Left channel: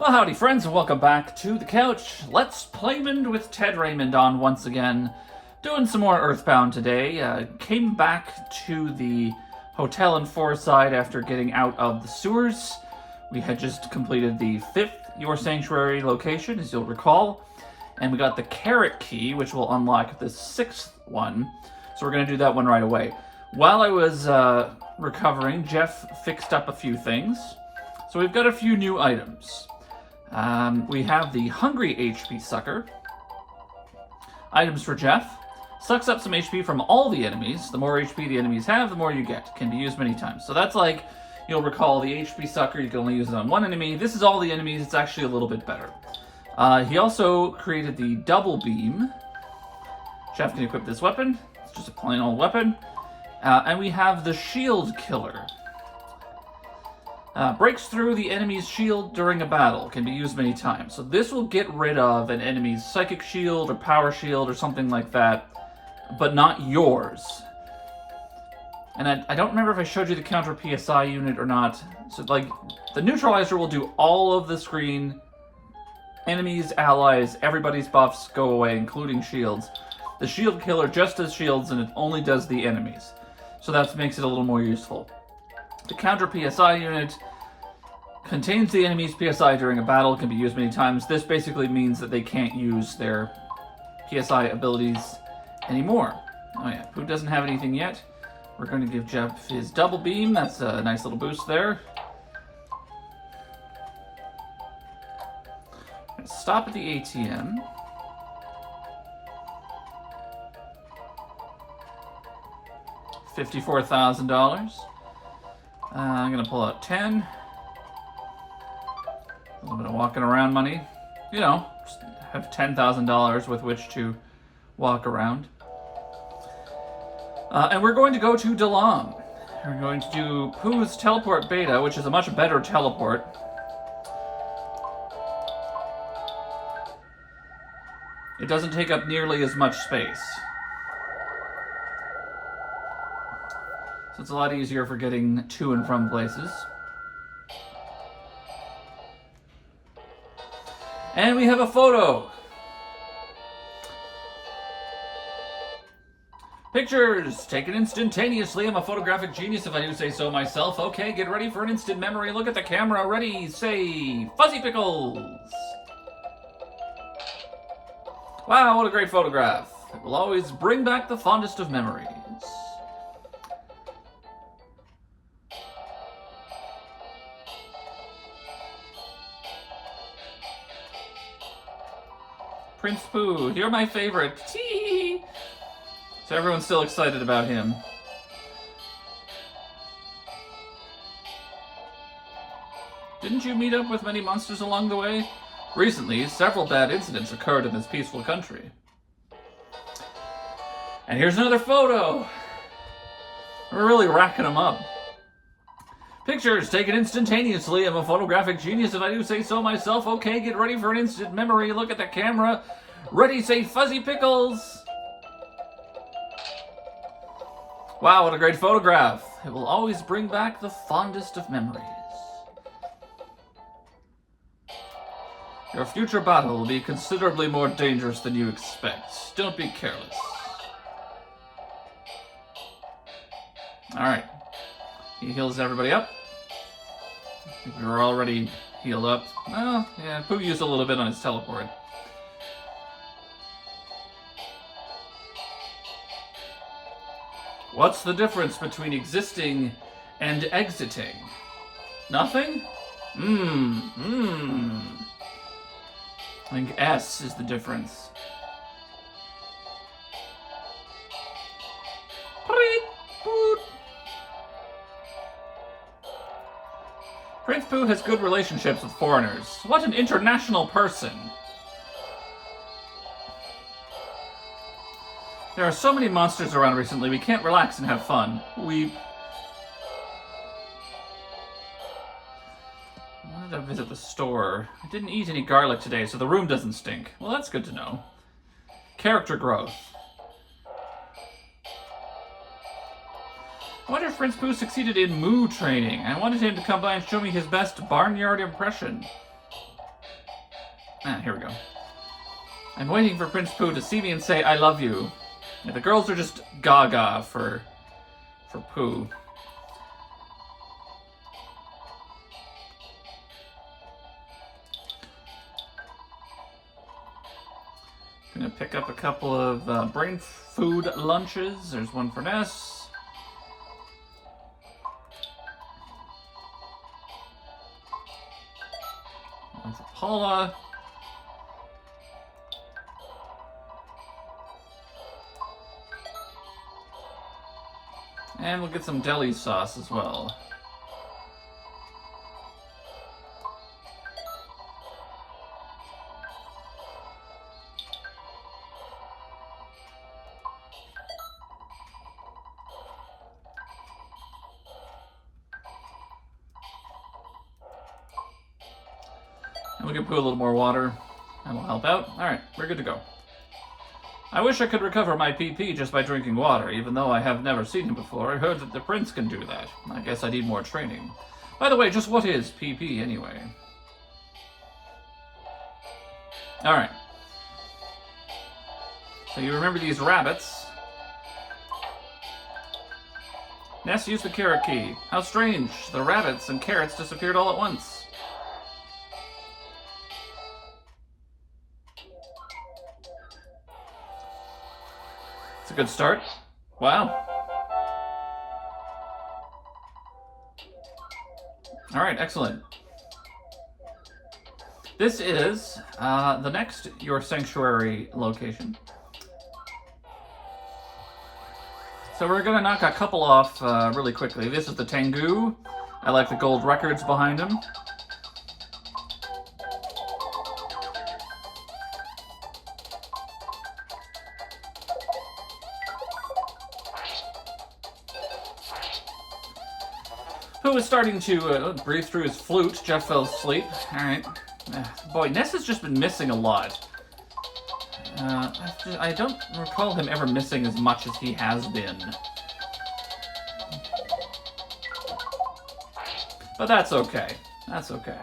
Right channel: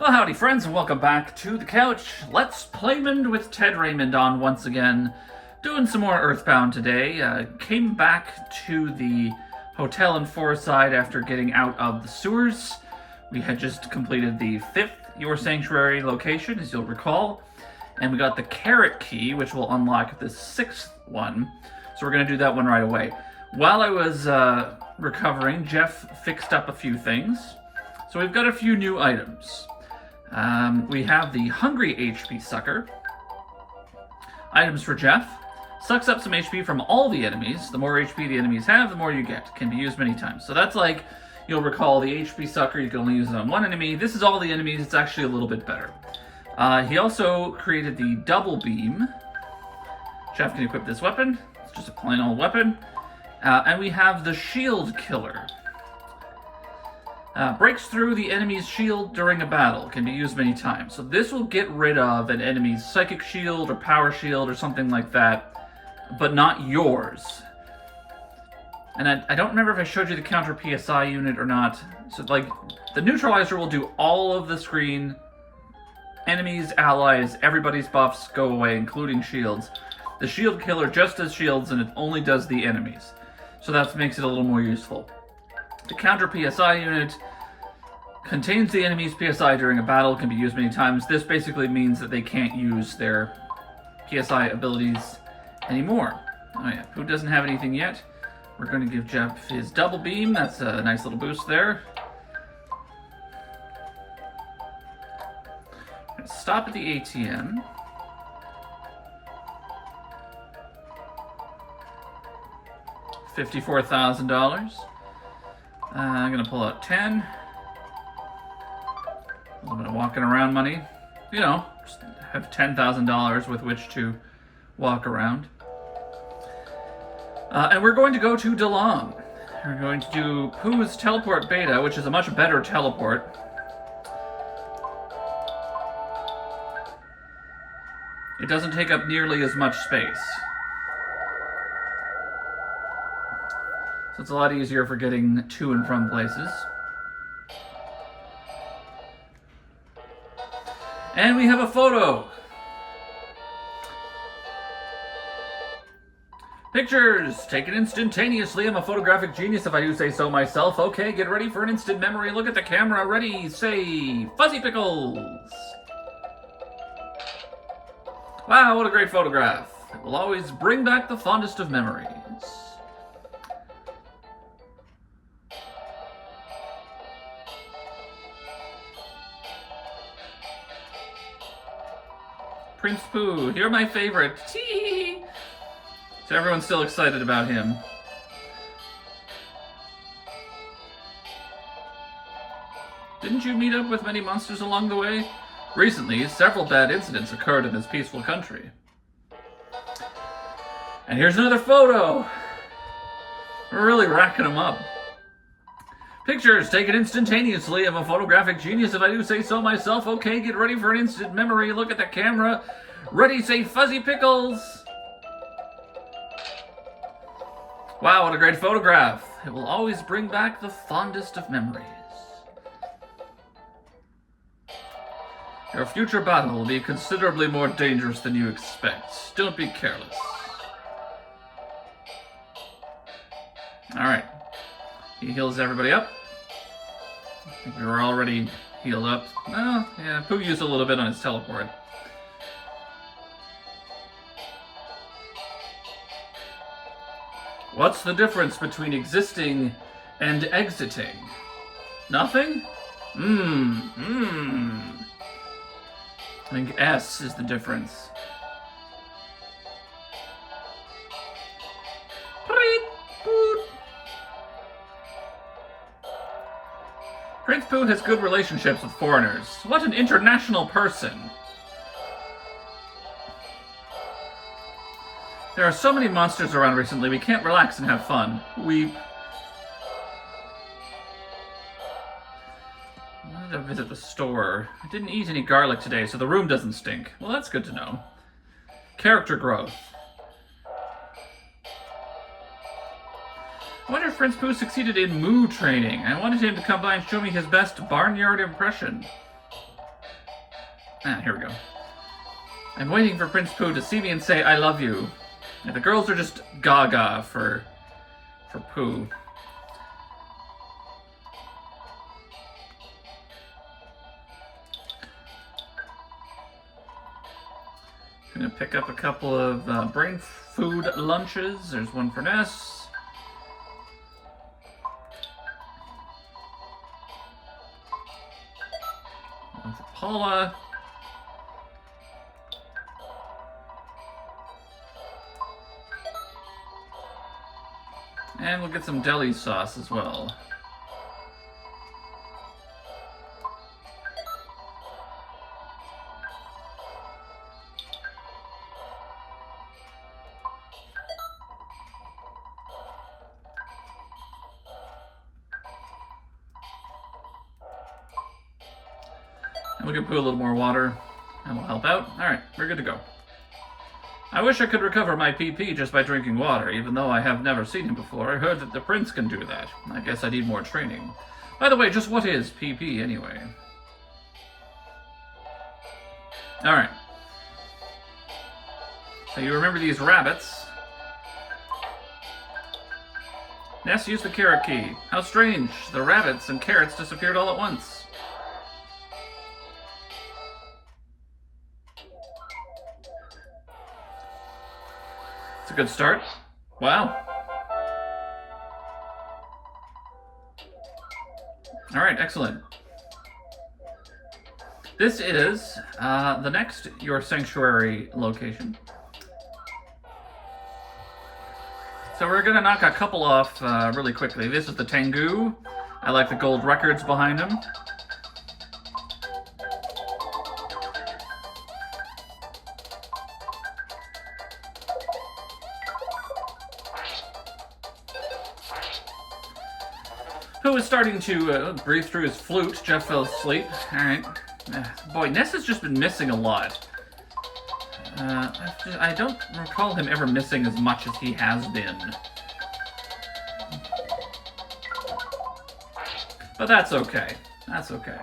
Well, howdy friends, and welcome back to the couch. Let's Playmond with Ted Raymond on once again. Doing some more EarthBound today. Came back to the hotel in Forestside after getting out of the sewers. We had just completed the 5th Your Sanctuary location, as you'll recall. And we got the carrot key, which will unlock the 6th one. So we're going to do that one right away. While I was recovering, Jeff fixed up a few things. So we've got a few new items. We have the Hungry HP Sucker. Items for Jeff. Sucks up some HP from all the enemies. The more HP the enemies have, the more you get. Can be used many times. So that's like, you'll recall the HP Sucker, you can only use it on one enemy. This is all the enemies, it's actually a little bit better. He also created the Double Beam. Jeff can equip this weapon. It's just a plain old weapon. And we have the Shield Killer. Breaks through the enemy's shield during a battle. Can be used many times. So this will get rid of an enemy's psychic shield or power shield or something like that, but not yours. And I don't remember if I showed you the counter PSI unit or not. So like, the neutralizer will do all of the screen. Enemies, allies, everybody's buffs go away, including shields. The shield killer just does shields and it only does the enemies. So that makes it a little more useful. The counter PSI unit contains the enemy's PSI during a battle, can be used many times. This basically means that they can't use their PSI abilities anymore. Oh yeah, who doesn't have anything yet? We're going to give Jeff his Double Beam. That's a nice little boost there. Let's stop at the ATM. $54,000. I'm going to pull out 10. A little bit of walking around money. You know, just have $10,000 with which to walk around. And we're going to go to DeLong. We're going to do Pooh's Teleport Beta, which is a much better teleport. It doesn't take up nearly as much space. So it's a lot easier for getting to and from places. And we have a photo. Pictures taken instantaneously. I'm a photographic genius if I do say so myself. Okay, get ready for an instant memory. Look at the camera. Ready, say, Fuzzy Pickles. Wow, what a great photograph. It will always bring back the fondest of memories. Prince Pooh, you're my favorite. Tee! So everyone's still excited about him. Didn't you meet up with many monsters along the way? Recently, several bad incidents occurred in this peaceful country. And here's another photo! We're really racking them up. Pictures taken instantaneously. I'm a photographic genius if I do say so myself. Okay, get ready for an instant memory. Look at the camera. Ready, say Fuzzy Pickles. Wow, what a great photograph. It will always bring back the fondest of memories. Your future battle will be considerably more dangerous than you expect. Don't be careless. Alright. He heals everybody up. I think we were already healed up. Well, yeah, Pooh used a little bit on his teleport. What's the difference between existing and exiting? Nothing? I think S is the difference. Prince Pooh has good relationships with foreigners. What an international person! There are so many monsters around recently, we can't relax and have fun. I wanted to visit the store. I didn't eat any garlic today, so the room doesn't stink. Well, that's good to know. Character growth. I wonder if Prince Pooh succeeded in moo training. I wanted him to come by and show me his best barnyard impression. Here we go. I'm waiting for Prince Pooh to see me and say, I love you. Yeah, the girls are just gaga for Pooh. Gonna pick up a couple of brain food lunches. There's one for Ness. One for Paula. And we'll get some deli sauce as well. And we can put a little more water. That'll help out. Alright, we're good to go. I wish I could recover my PP just by drinking water, even though I have never seen him before. I heard that the prince can do that. I guess I need more training. By the way, just what is PP anyway? Alright. So you remember these rabbits. Ness used the carrot key. How strange. The rabbits and carrots disappeared all at once. It's a good start. Wow. Alright, excellent. This is the next Your Sanctuary location. So we're going to knock a couple off really quickly. This is the Tengu. I like the gold records behind him. Who is starting to breathe through his flute. Jeff fell asleep. Alright. Boy, Ness has just been missing a lot. I don't recall him ever missing as much as he has been. But that's okay. That's okay.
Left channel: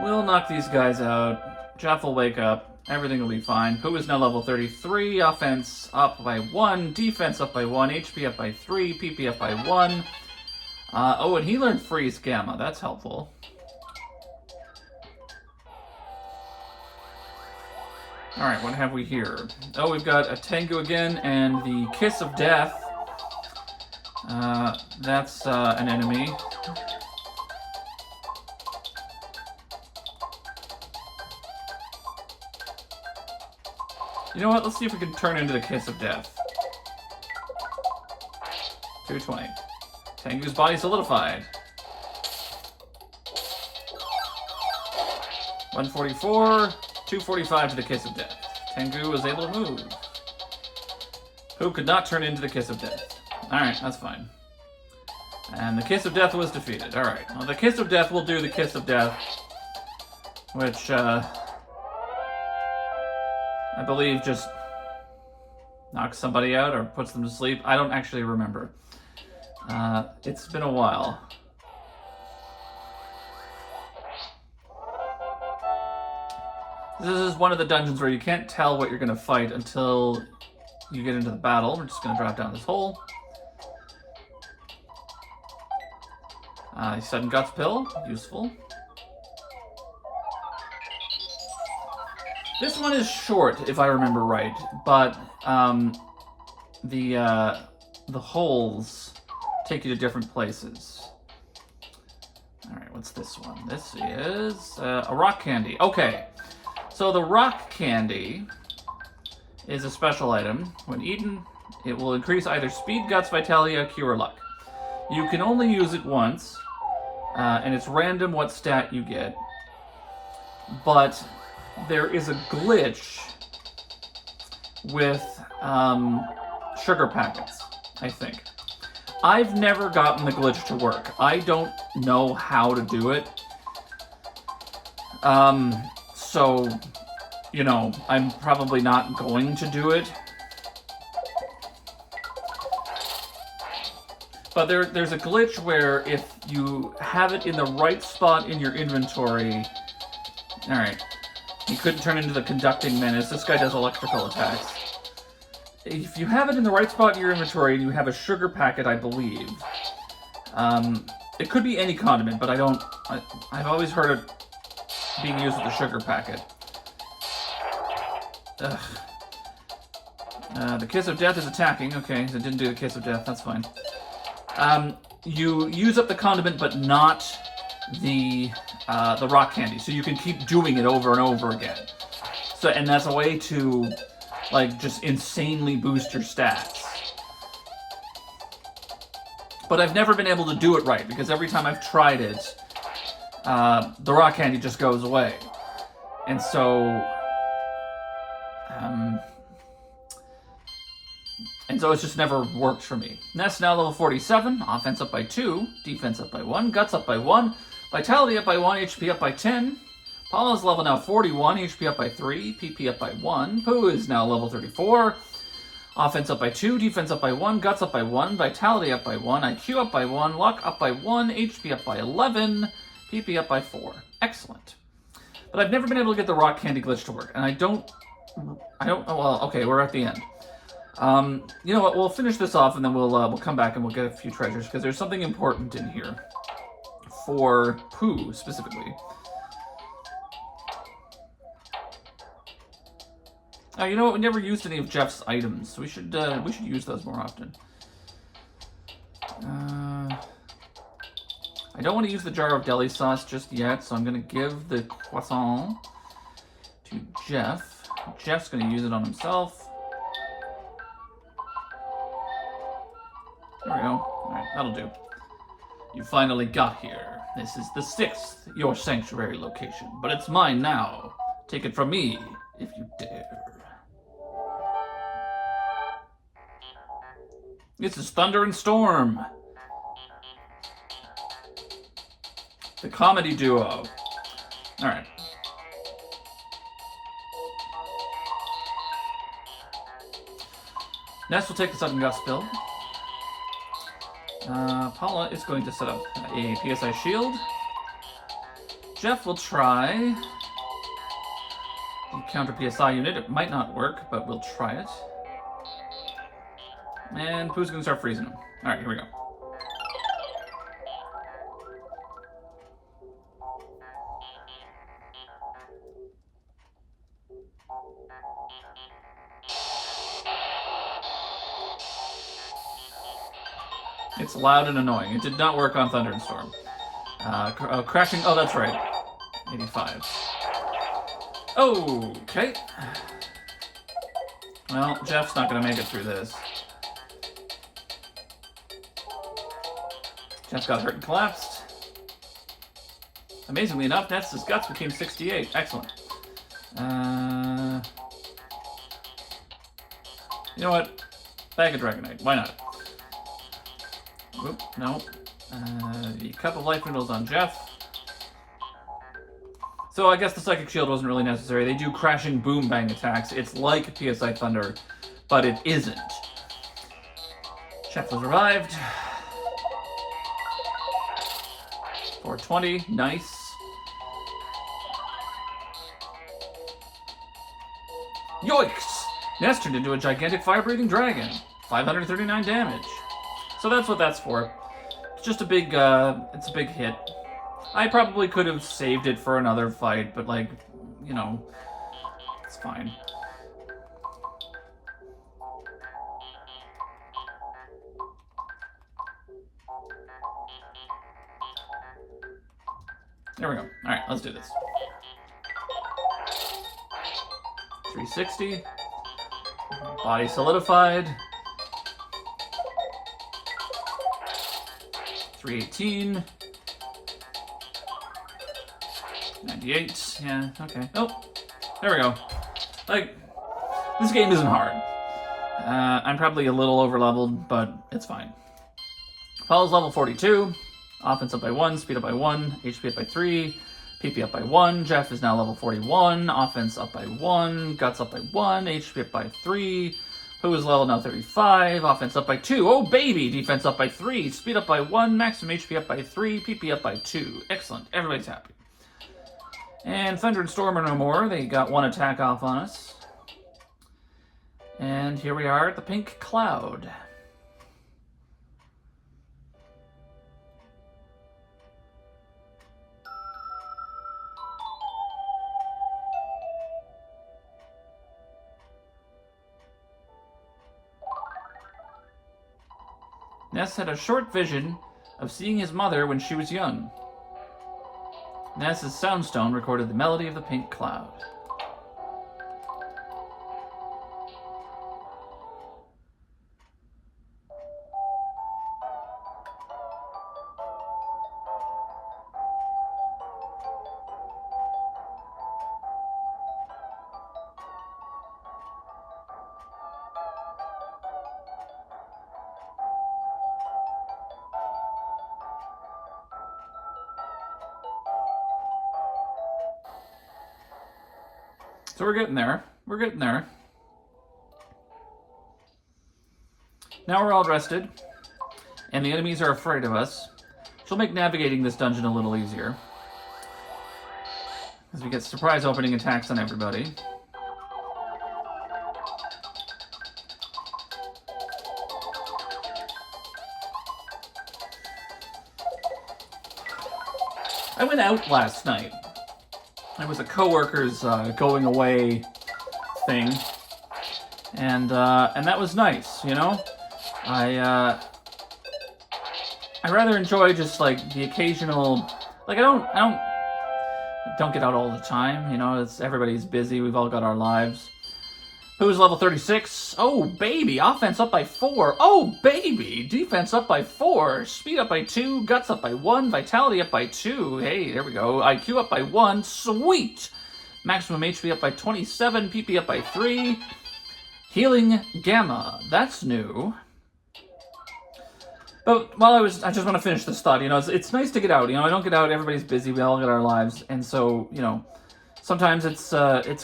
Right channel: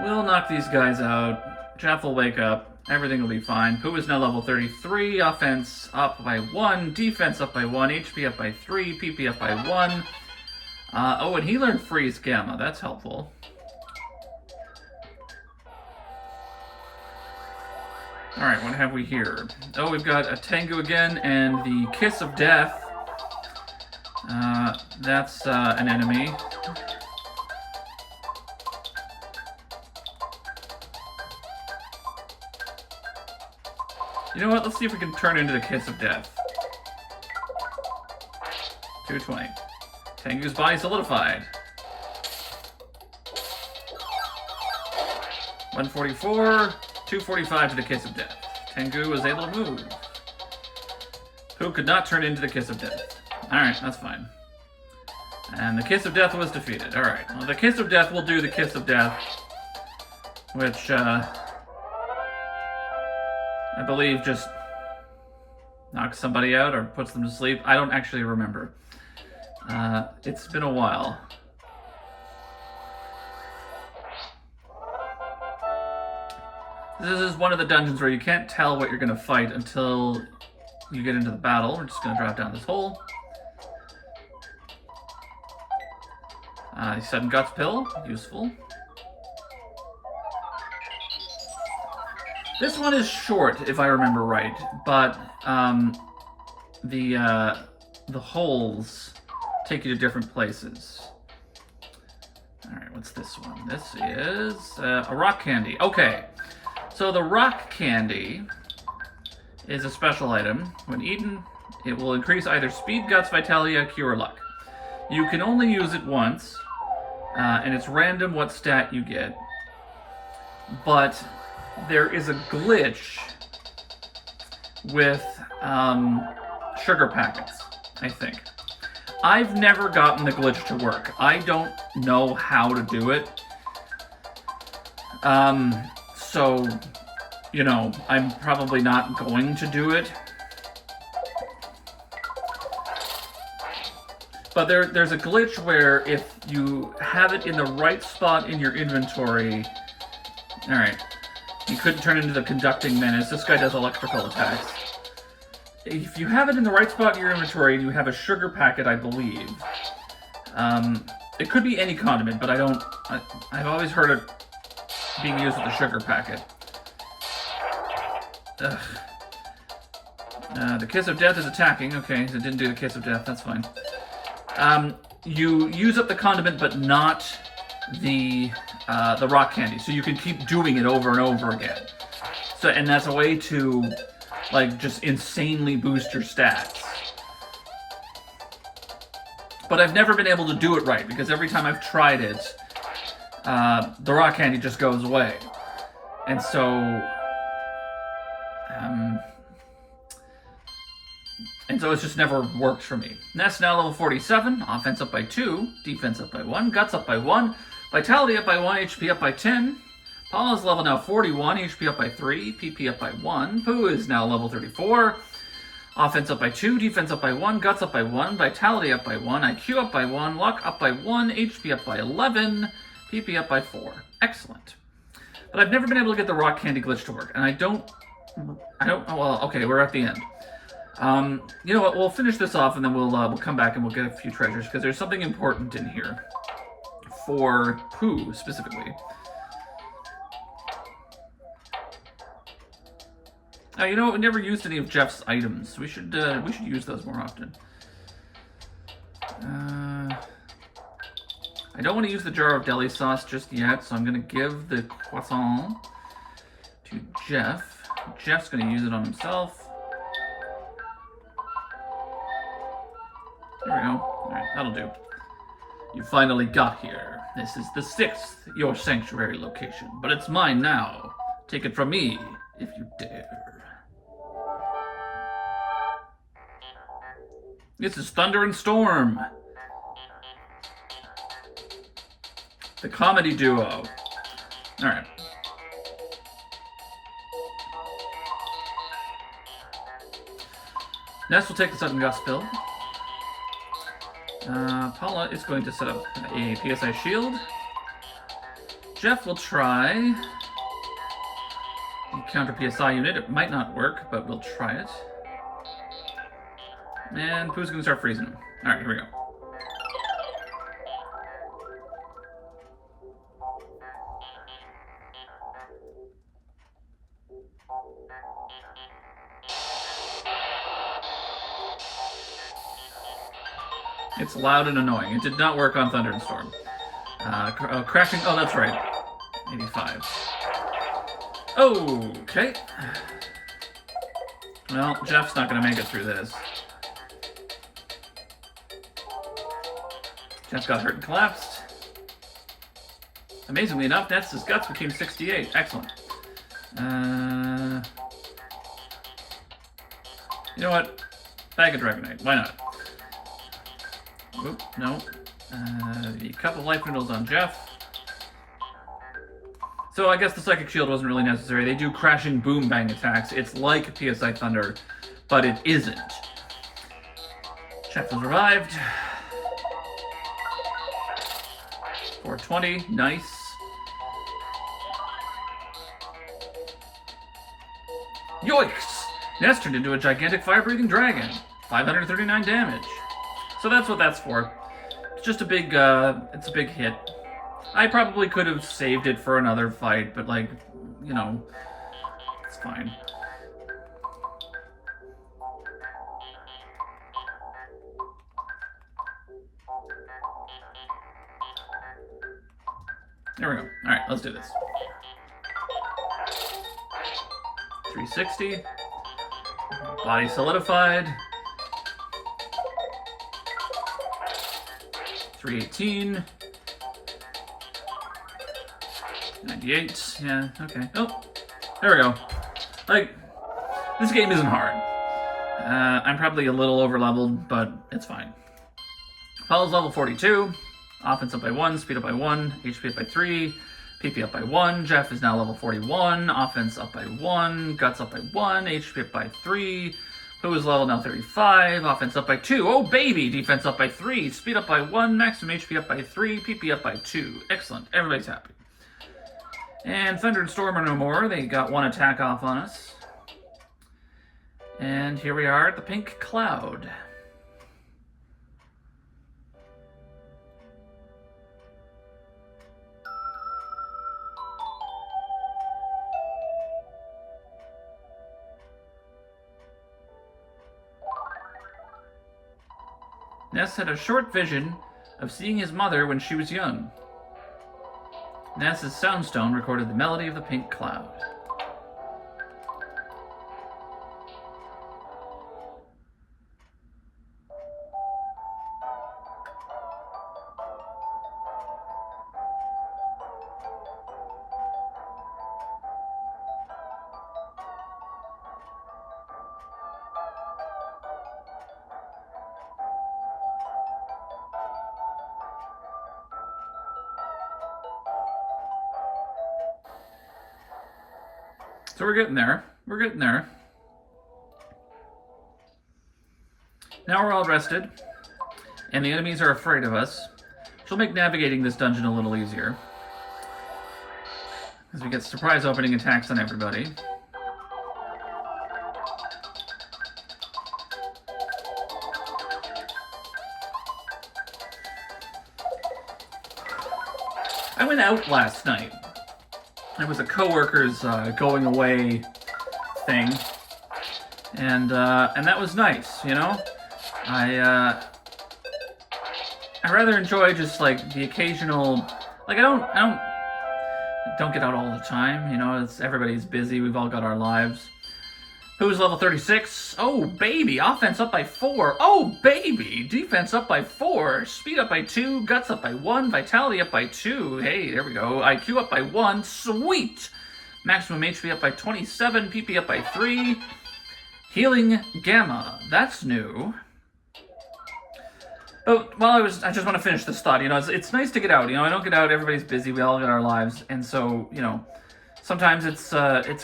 We'll knock these guys out. Jeff will wake up. Everything will be fine. Pooh is now level 33. Offense up by 1. Defense up by 1. HP up by 3. PP up by 1. Oh, and he learned Freeze Gamma. That's helpful. Alright, what have we here? Oh, we've got a Tengu again, and the Kiss of Death. That's an enemy. You know what? Let's see if we can turn into the Kiss of Death. 220. Tengu's body solidified. 144, 245 to the Kiss of Death. Tengu was able to move. Who could not turn into the Kiss of Death? Alright, that's fine. And the Kiss of Death was defeated. Alright, well, the Kiss of Death will do the Kiss of Death, which, I believe just knocks somebody out or puts them to sleep. I don't actually remember. It's been a while. This is one of the dungeons where you can't tell what you're going to fight until you get into the battle. We're just going to drop down this hole. Sudden Guts Pill, useful. This one is short, if I remember right, but the holes take you to different places. Alright, what's this one? This is a rock candy. Okay, so the rock candy is a special item. When eaten, it will increase either speed, guts, vitality, cure, or luck. You can only use it once, and it's random what stat you get. But there is a glitch with sugar packets, I think. I've never gotten the glitch to work. I don't know how to do it. So, you know, I'm probably not going to do it. But there's a glitch where if you have it in the right spot in your inventory, Alright. He couldn't turn into the conducting menace. This guy does electrical attacks. If you have it in the right spot in your inventory, you have a sugar packet, I believe. It could be any condiment, but I've always heard it being used with a sugar packet. Ugh. The Kiss of Death is attacking. Okay, it didn't do the Kiss of Death. That's fine. You use up the condiment, but not the rock candy, so you can keep doing it over and over again. So, and that's a way to, like, just insanely boost your stats. But I've never been able to do it right, because every time I've tried it, the rock candy just goes away. And so... it's just never worked for me. Ness now level 47, offense up by 2, defense up by 1, guts up by 1, vitality up by 1, HP up by 10. Paula's level now 41, HP up by 3, PP up by 1. Pooh is now level 34, offense up by 2, defense up by 1, guts up by 1, vitality up by 1, IQ up by 1, luck up by 1, HP up by 11, PP up by 4. Excellent. But I've never been able to get the rock candy glitch to work, and I don't, well, okay, we're at the end. You know what, we'll finish this off and then we'll come back and we'll get a few treasures, because there's something important in here. For Pooh, specifically. You know what, we never used any of Jeff's items. We should use those more often. I don't want to use the jar of deli sauce just yet, so I'm going to give the croissant to Jeff. Jeff's going to use it on himself. There we go. Alright, that'll do. You finally got here. This is the 6th, your sanctuary location, but it's mine now. Take it from me, if you dare. This is Thunder and Storm. The comedy duo. Alright. Ness will take the sudden gust build. Paula is going to set up a PSI shield. Jeff will try the counter PSI unit. It might not work, but we'll try it. And Pooh's going to start freezing him. Alright, here we go. It's loud and annoying. It did not work on Thunder and Storm. Crashing... Oh, that's right. 85. Okay. Well, Jeff's not going to make it through this. Jeff got hurt and collapsed. Amazingly enough, Ness's guts became 68. Excellent. You know what? Bag of Dragonite. Why not? Oop, no. A couple life noodles on Jeff. So I guess the Psychic Shield wasn't really necessary. They do crashing boom bang attacks. It's like PSI Thunder, but it isn't. Jeff was revived. 420, nice. Yoicks! Ness turned into a gigantic fire-breathing dragon. 539 damage. So that's what that's for. It's just a big, it's a big hit. I probably could have saved it for another fight, but like, you know, it's fine. There we go. Alright, let's do this. 360. Body solidified. 318. 98. Yeah, okay. Oh, there we go. Like, this game isn't hard. I'm probably a little over-leveled, but it's fine. Paul's level 42. Offense up by 1, speed up by 1, HP up by 3, PP up by 1. Jeff is now level 41. Offense up by 1, guts up by 1, HP up by 3. Pooh is level now 35. Offense up by 2. Oh, baby! Defense up by 3. Speed up by 1. Maximum HP up by 3. PP up by 2. Excellent. Everybody's happy. And Thunder and Storm are no more. They got one attack off on us. And here we are at the Pink Cloud. Ness had a short vision of seeing his mother when she was young. Ness's soundstone recorded the melody of the Pink Cloud. So we're getting there. We're getting there. Now we're all rested, and the enemies are afraid of us, which will make navigating this dungeon a little easier, as we get surprise opening attacks on everybody. I went out last night. It was a coworker's going away thing, and that was nice, you know. I rather enjoy just like the occasional, like I don't get out all the time, you know. Everybody's busy. We've all got our lives. Who's level 36? Oh baby, offense up by 4. Oh baby, defense up by 4. Speed up by 2. Guts up by 1. Vitality up by 2. Hey, there we go. IQ up by 1. Sweet. Maximum HP up by 27. PP up by 3. Healing Gamma. That's new. But while I just want to finish this thought. You know, it's nice to get out. You know, I don't get out. Everybody's busy. We all got our lives, and so you know, sometimes it's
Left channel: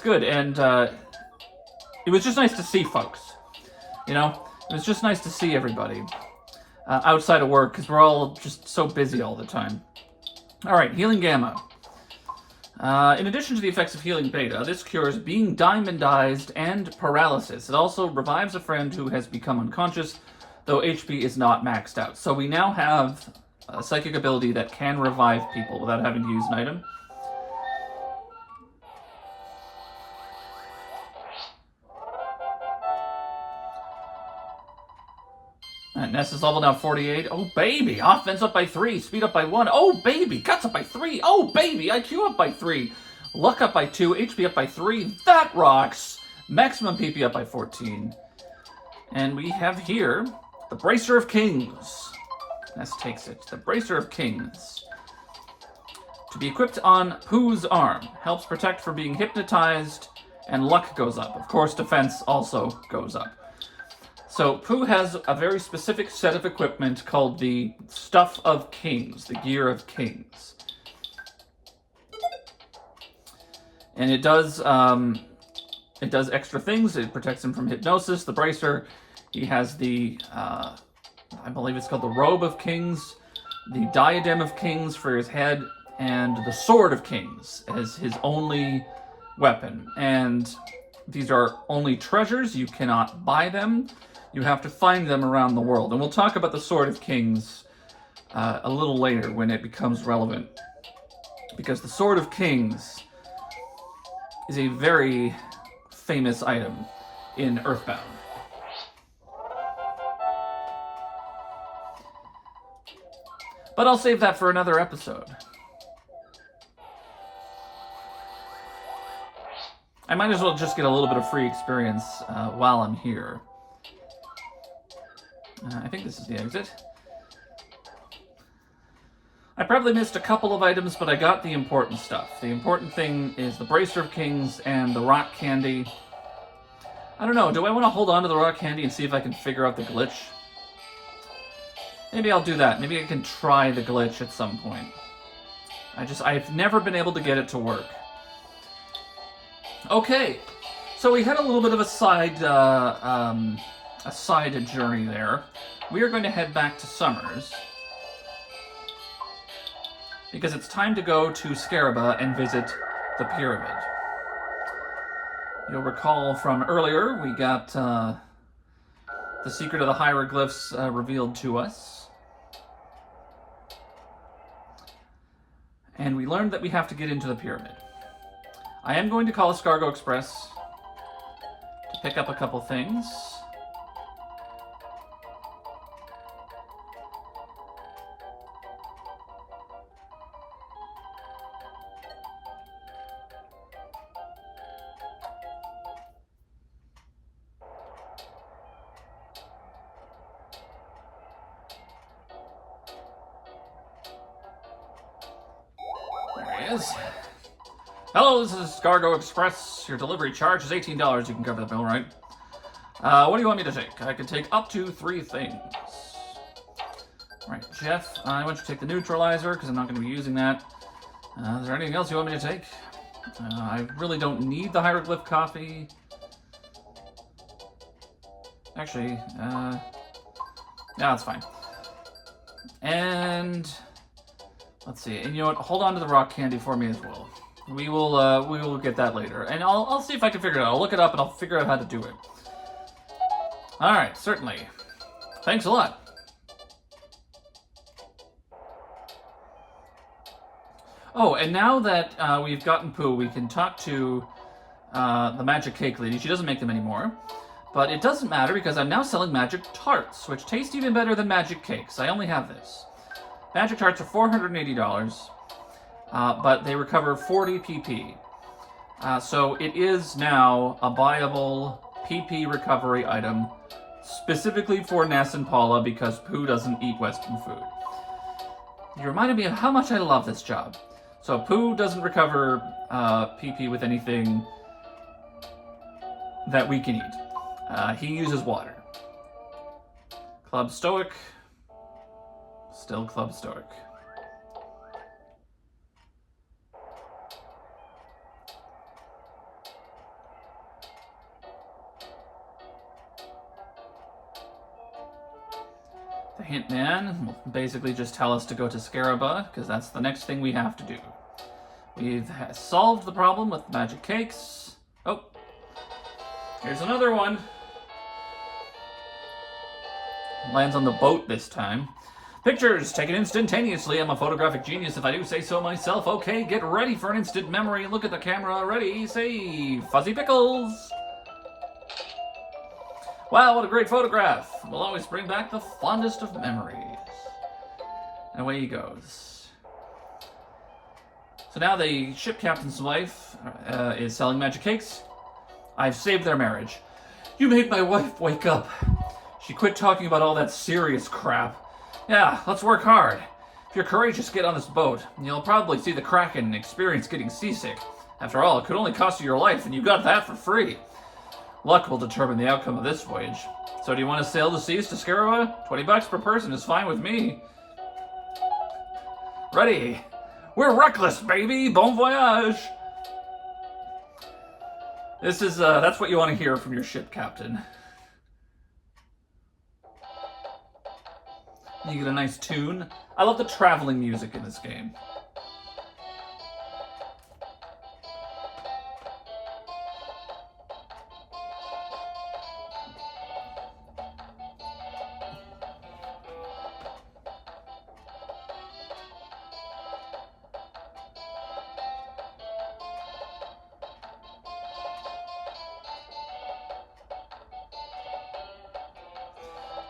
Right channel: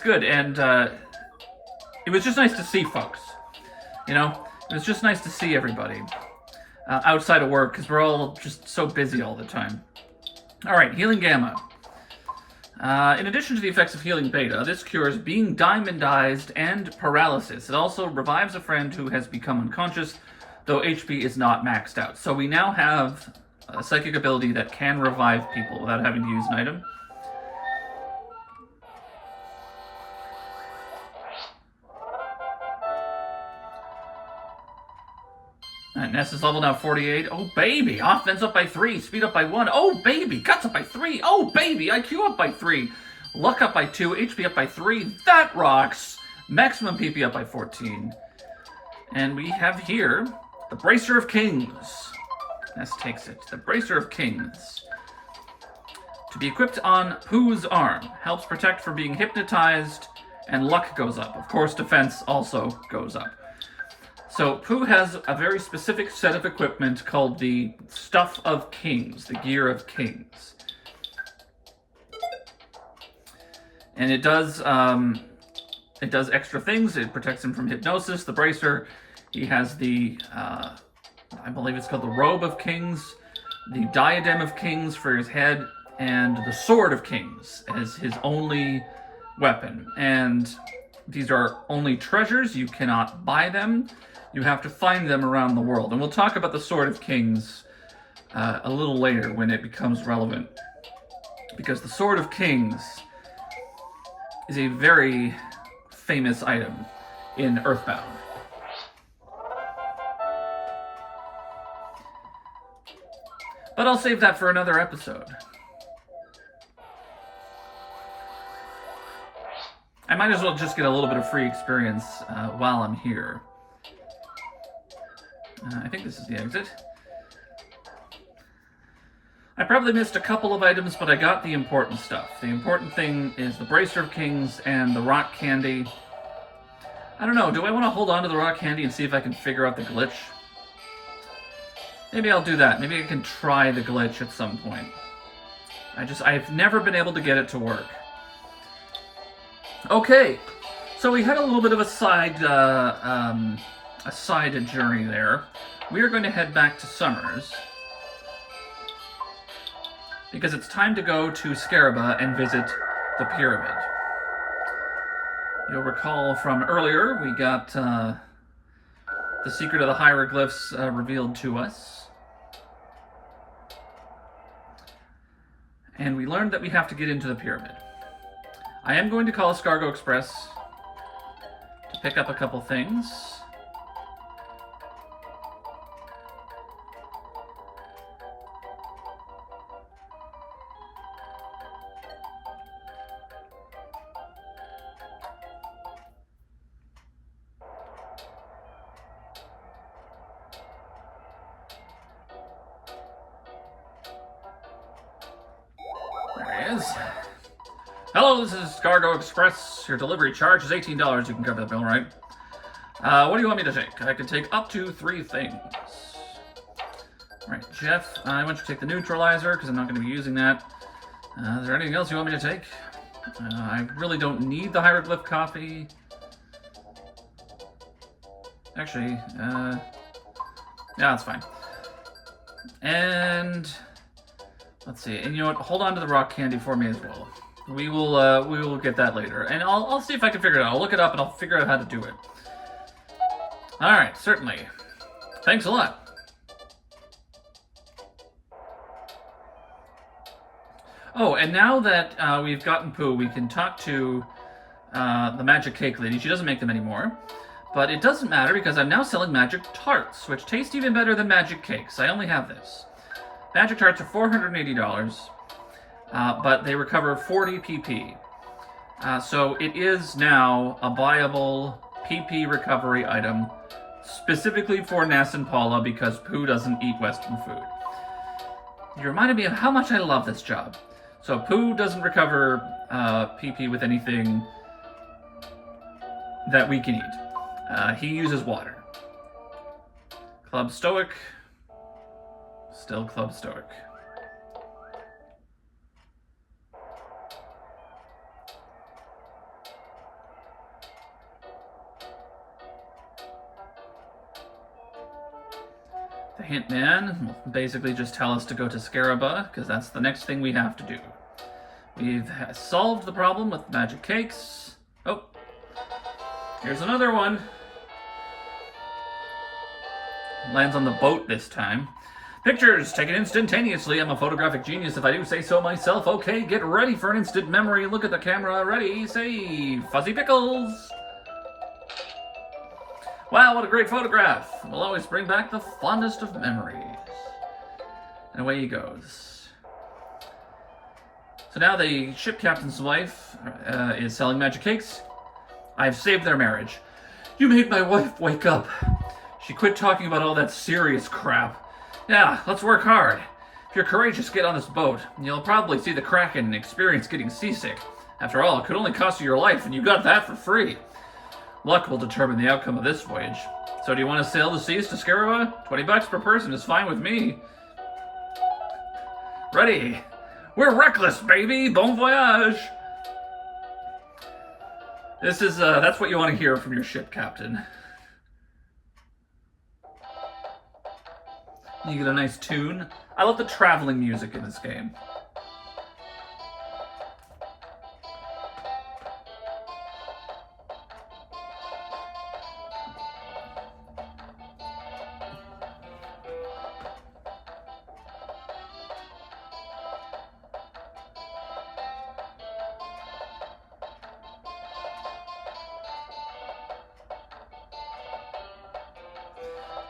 good. And it was just nice to see folks. You know, it was just nice to see everybody outside of work, because we're all just so busy all the time. All right, Healing Gamma. In addition to the effects of Healing Beta, this cures being diamondized and paralysis. It also revives a friend who has become unconscious, though HP is not maxed out. So we now have a psychic ability that can revive people without having to use an item. Alright, Ness is level now 48. Oh, baby! Offense up by 3. Speed up by 1. Oh, baby! Guts up by 3. Oh, baby! IQ up by 3. Luck up by 2. HP up by 3. That rocks! Maximum PP up by 14. And we have here the Bracer of Kings. Ness takes it. The Bracer of Kings. To be equipped on Pooh's arm. Helps protect from being hypnotized, and luck goes up. Of course, defense also goes up. So Pooh has a very specific set of equipment called the Stuff of Kings, the Gear of Kings. And it does extra things. It protects him from hypnosis. The Bracer, he has the, I believe it's called the Robe of Kings, the Diadem of Kings for his head, and the Sword of Kings as his only weapon. And these are only treasures. You cannot buy them. You have to find them around the world. And we'll talk about the Sword of Kings a little later when it becomes relevant. Because the Sword of Kings is a very famous item in EarthBound. But I'll save that for another episode. I might as well just get a little bit of free experience while I'm here. I think this is the exit. I probably missed a couple of items, but I got the important stuff. The important thing is the Bracer of Kings and the rock candy. I don't know, do I want to hold on to the rock candy and see if I can figure out the glitch? Maybe I'll do that. Maybe I can try the glitch at some point. I've never been able to get it to work. Okay, so we had a little bit of a side journey there. We are going to head back to Summers because it's time to go to Scaraba and visit the pyramid. You'll recall from earlier, we got the secret of the hieroglyphs revealed to us. And we learned that we have to get into the pyramid. I am going to call a Scargo Express to pick up a couple things. There he is. Hello, this is Scargo Express. Your delivery charge is $18. You can cover the bill, right? What do you want me to take? I can take up to 3 things. Right, Jeff, I want you to take the neutralizer because I'm not going to be using that. Is there anything else you want me to take? I really don't need the hieroglyph coffee. Actually, yeah, that's fine. And let's see. And you know what? Hold on to the rock candy for me as well. We will get that later, and I'll see if I can figure it out. I'll look it up and I'll figure out how to do it. All right, certainly. Thanks a lot. Oh, and now that we've gotten Pooh, we can talk to the magic cake lady. She doesn't make them anymore, but it doesn't matter because I'm now selling magic tarts, which taste even better than magic cakes. I only have this. Magic tarts are $480. But they recover 40 PP. So it is now a viable PP recovery item, specifically for Ness and Paula because Pooh doesn't eat Western food. You reminded me of how much I love this job. So Pooh doesn't recover PP with anything that we can eat. He uses water. Club Stoic. Still Club Stoic. The hint man will basically just tell us to go to Scaraba, because that's the next thing we have to do. We've solved the problem with magic cakes. Oh, here's another one. Lands on the boat this time. Pictures taken instantaneously. I'm a photographic genius if I do say so myself. Okay, get ready for an instant memory. Look at the camera. Ready, say, Fuzzy Pickles. Wow, what a great photograph. Will always bring back the fondest of memories. And away he goes. So now the ship captain's wife is selling magic cakes. I've saved their marriage. You made my wife wake up. She quit talking about all that serious crap. Yeah, let's work hard. If you're courageous, get on this boat. You'll probably see the Kraken and experience getting seasick. After all, it could only cost you your life, and you got that for free. Luck will determine the outcome of this voyage. So do you want to sail the seas to Scaraba? $20 per person is fine with me. Ready. We're reckless, baby. Bon voyage. This is, that's what you want to hear from your ship captain. You get a nice tune. I love the traveling music in this game.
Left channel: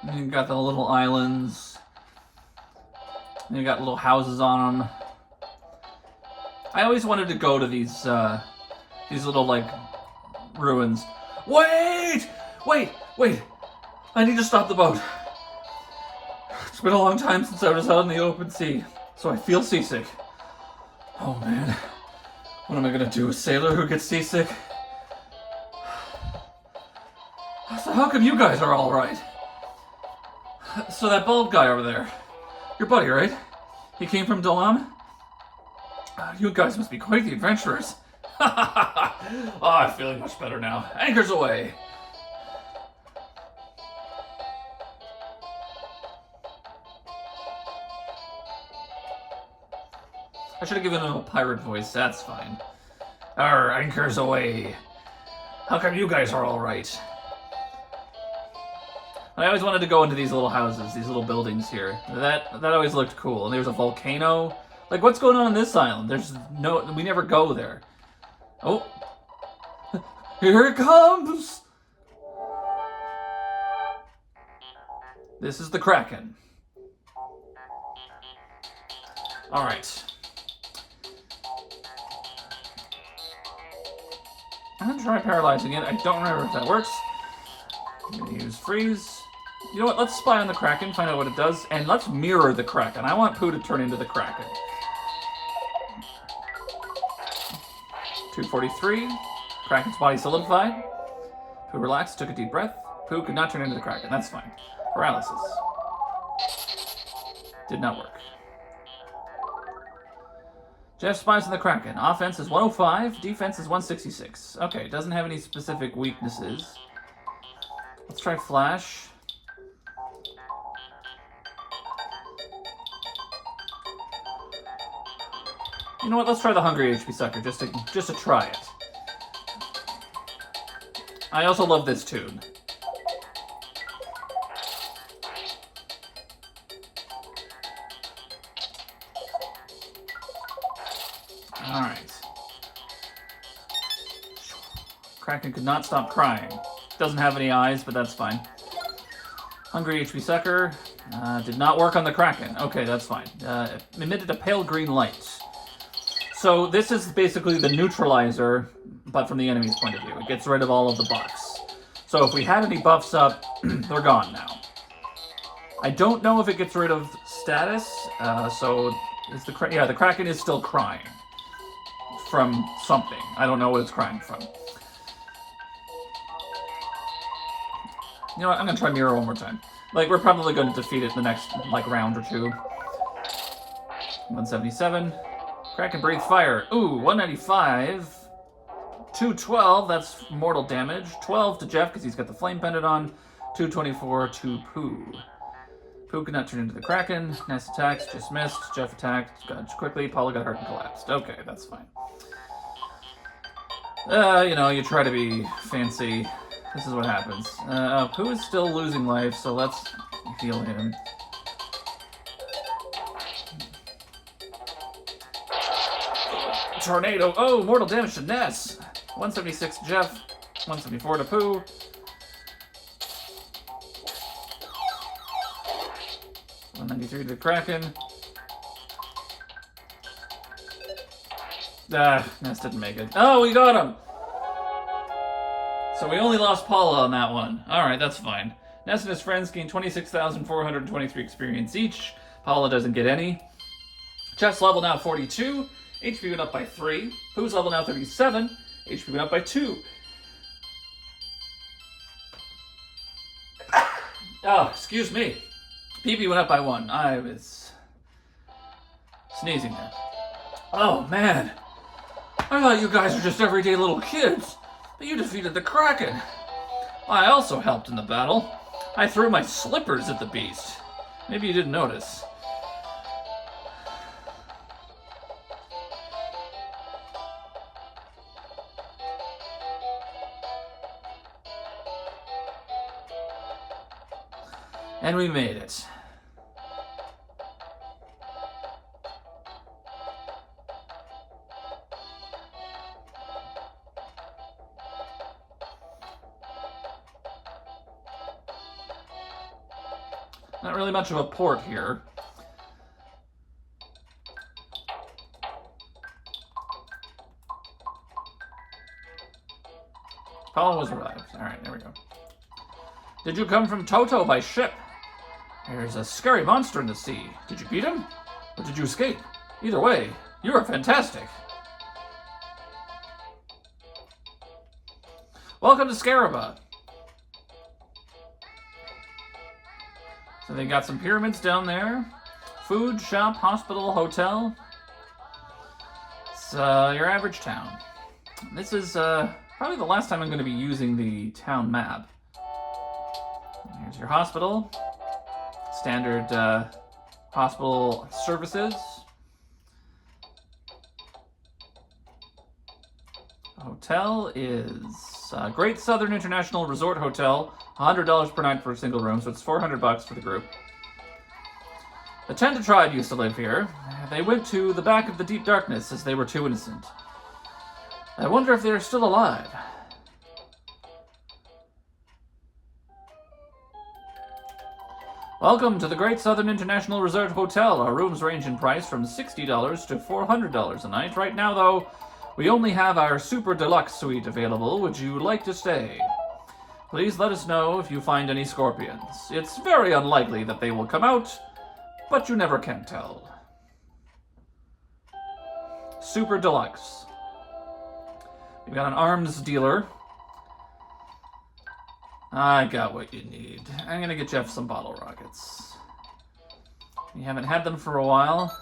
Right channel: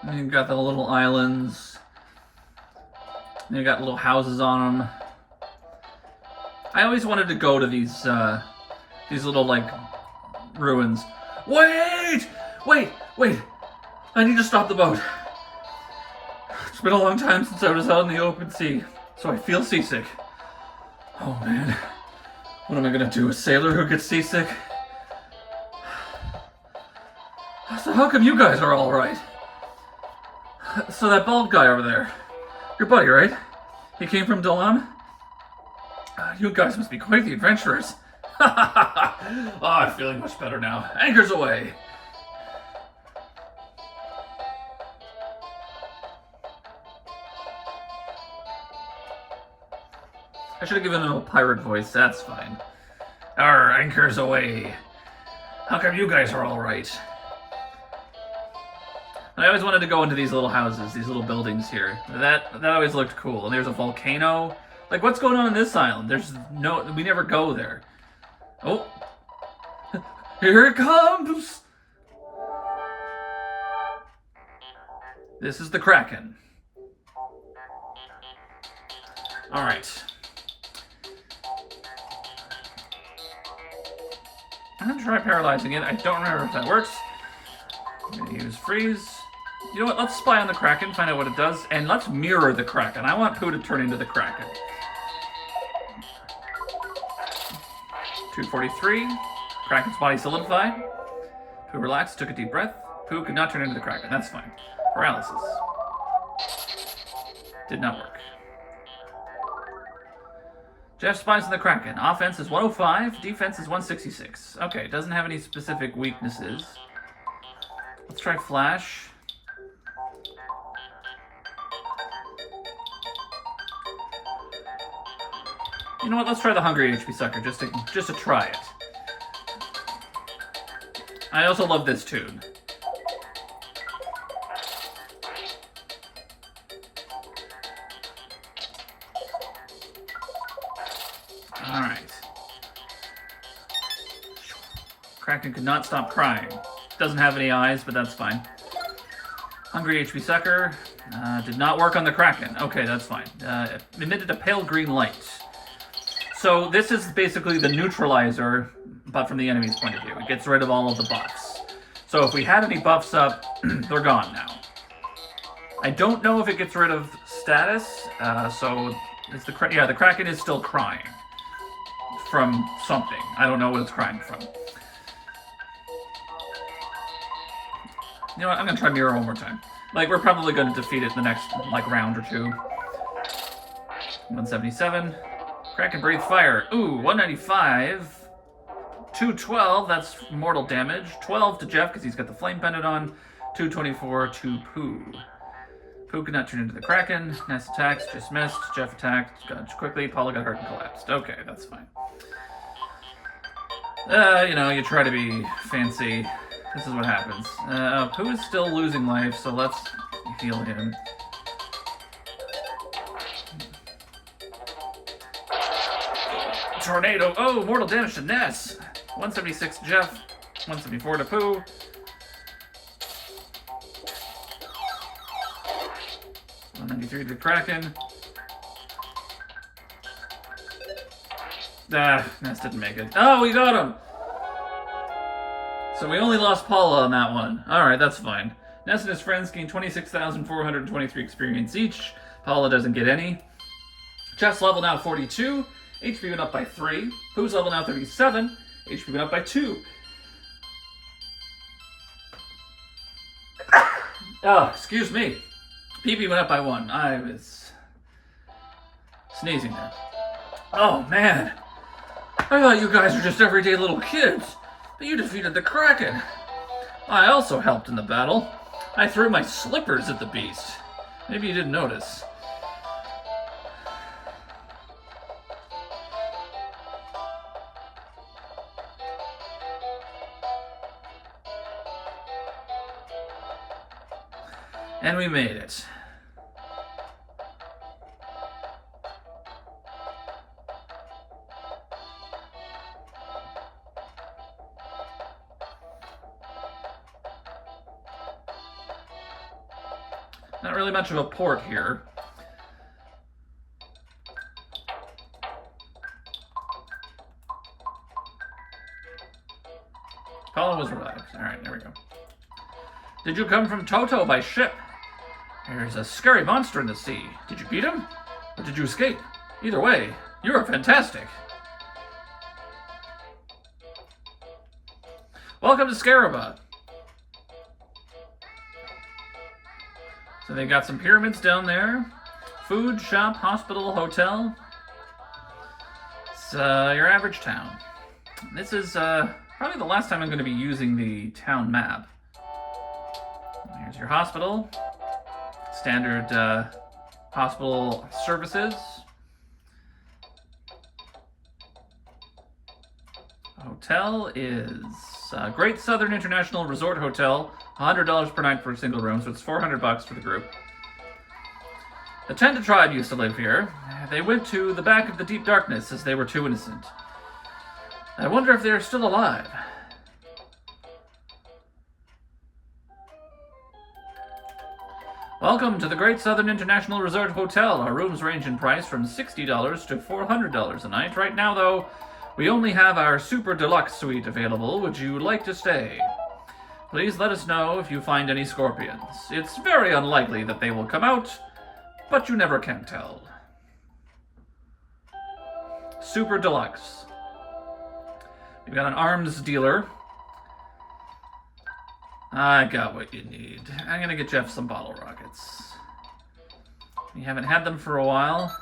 And you've got the little islands. And you got little houses on them. I always wanted to go to these little, like, ruins. Wait! Wait! Wait! I need to stop the boat. It's been a long time since I was out in the open sea, so I feel seasick. Oh, man. What am I gonna do? A sailor who gets seasick? So how come you guys are all right? So that bald guy over there, your buddy, right? He came from Dalam? You guys must be quite the adventurers. Oh, I'm feeling much better now. Anchors away. I should have given him a pirate voice, that's fine. Our anchor's away. How come you guys are all right? I always wanted to go into these little houses, these little buildings here. That always looked cool. And there's a volcano. Like, what's going on this island? We never go there. Oh. Here it comes! This is the Kraken. Alright. I'm gonna try paralyzing it. I don't remember if that works. I'm gonna use freeze. You know what? Let's spy on the Kraken, find out what it does, and let's mirror the Kraken. I want Pooh to turn into the Kraken. 243. Kraken's body solidified. Pooh relaxed, took a deep breath. Pooh could not turn into the Kraken. That's fine. Paralysis. Did not work. Jeff spies on the Kraken. Offense is 105, defense is 166. Okay, it doesn't have any specific weaknesses. Let's try Flash. You know what? Let's try the Hungry HP Sucker just to try it. I also love this tune. Alright. Kraken could not stop crying. Doesn't have any eyes, but that's fine. Hungry HP Sucker did not work on the Kraken. Okay, that's fine. Emitted a pale green light. So this is basically the neutralizer, but from the enemy's point of view. It gets rid of all of the buffs. So if we had any buffs up, they're gone now. I don't know if it gets rid of status, so is the Kraken is still crying from something. I don't know what it's crying from. You know what? I'm gonna try mirror one more time. Like, we're probably gonna defeat it in the next round or two. 177. Kraken breathe fire. Ooh, 195. 212, that's mortal damage. 12 to Jeff because he's got the flame pendant on. 224 to Pooh. Pooh could not turn into the Kraken. Ness attacks, just missed. Jeff attacked, dodged quickly. Paula got hurt and collapsed. Okay, that's fine. You know, you try to be fancy. This is what happens. Pooh is still losing life, so let's heal him. Tornado. Oh, mortal damage to Ness. 176 to Jeff. 174 to Pooh. 193 to the Kraken. Ness didn't make it. Oh, we got him! So we only lost Paula on that one. Alright, that's fine. Ness and his friends gain 26,423 experience each. Paula doesn't get any. Jeff's level now 42. HP went up by 3. Pooh's level now 37. HP went up by 2. Oh, excuse me. PP went up by 1. I was sneezing there. Oh, man. I thought you guys were just everyday little kids. But you defeated the Kraken. I also helped in the battle. I threw my slippers at the beast. Maybe you didn't notice. And we made it. Not really much of a port here. Paula was arrived. Alright, there we go. Did you come from Toto by ship? There's a scary monster in the sea. Did you beat him? Or did you escape? Either way, you are fantastic. Welcome to Scaraba. So they got some pyramids down there. Food, shop, hospital, hotel. It's your average town. This is probably the last time I'm going to be using the town map. Here's your hospital. Standard hospital services. Hotel is Great Southern International Resort Hotel, $100 per night for a single room, so it's $400 for the group. The Tenda tribe used to live here. They went to the back of the deep darkness as they were too innocent. I wonder if they're still alive. Welcome to the Great Southern International Resort Hotel. Our rooms range in price from $60 to $400 a night. Right now, though, we only have our Super Deluxe Suite available. Would you like to stay? Please let us know if you find any scorpions. It's very unlikely that they will come out, but you never can tell. Super Deluxe. We've got an arms dealer. I got what you need. I'm gonna get Jeff some bottle rockets. We haven't had them for a while.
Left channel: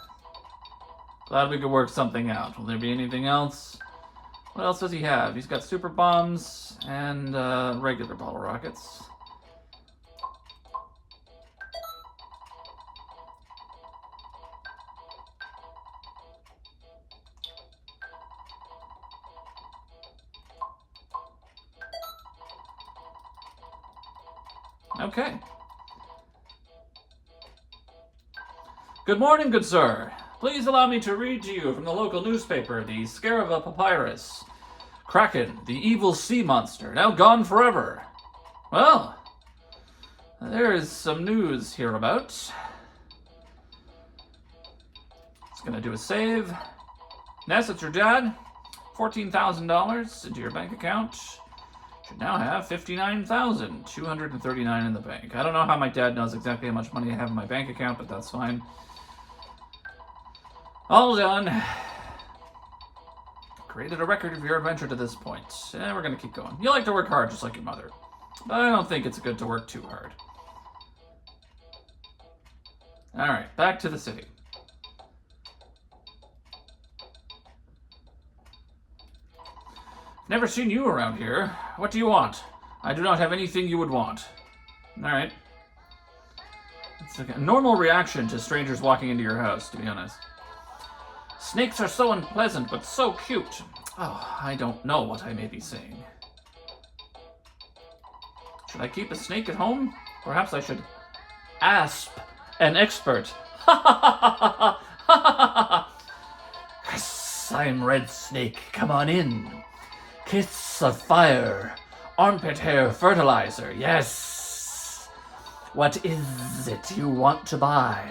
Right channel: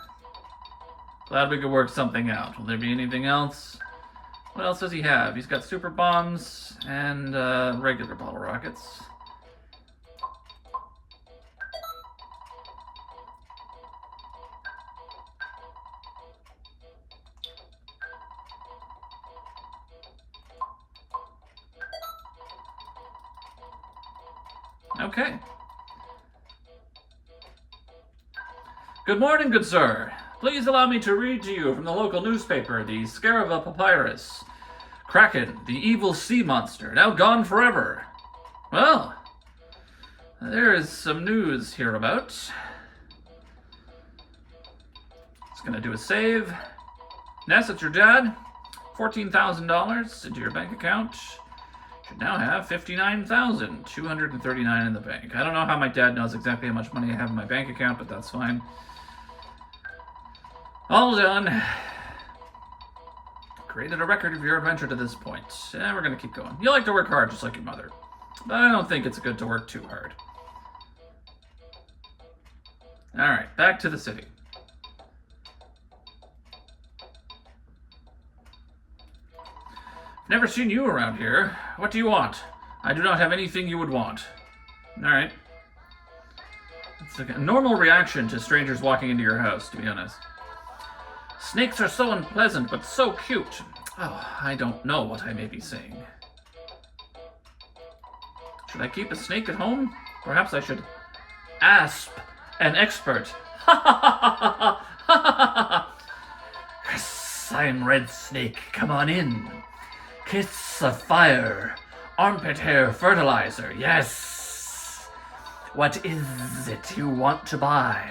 Glad we could work something out. Will there be anything else? What else does he have? He's got super bombs and regular bottle rockets. Okay. Good morning, good sir. Please allow me to read to you from the local newspaper, the Scaraba Papyrus. Kraken, the evil sea monster, now gone forever. Well, there is some news hereabouts. It's gonna do a save. Ness, it's your dad. $14,000 into your bank account. Should now have $59,239 in the bank. I don't know how my dad knows exactly how much money I have in my bank account, but that's fine. All done. Created a record of your adventure to this point. We're gonna keep going. You like to work hard, just like your mother. But I don't think it's good to work too hard. Alright, back to the city. Never seen you around here. What do you want? I do not have anything you would want. Alright. It's like a normal reaction to strangers walking into your house, to be honest. Snakes are so unpleasant, but so cute. Oh, I don't know what I may be saying. Should I keep a snake at home? Perhaps I should asp an expert. Ha ha ha ha ha ha! Yes, I'm Red Snake. Come on in. Kiss of fire, armpit hair fertilizer, yes! What is it you want to buy?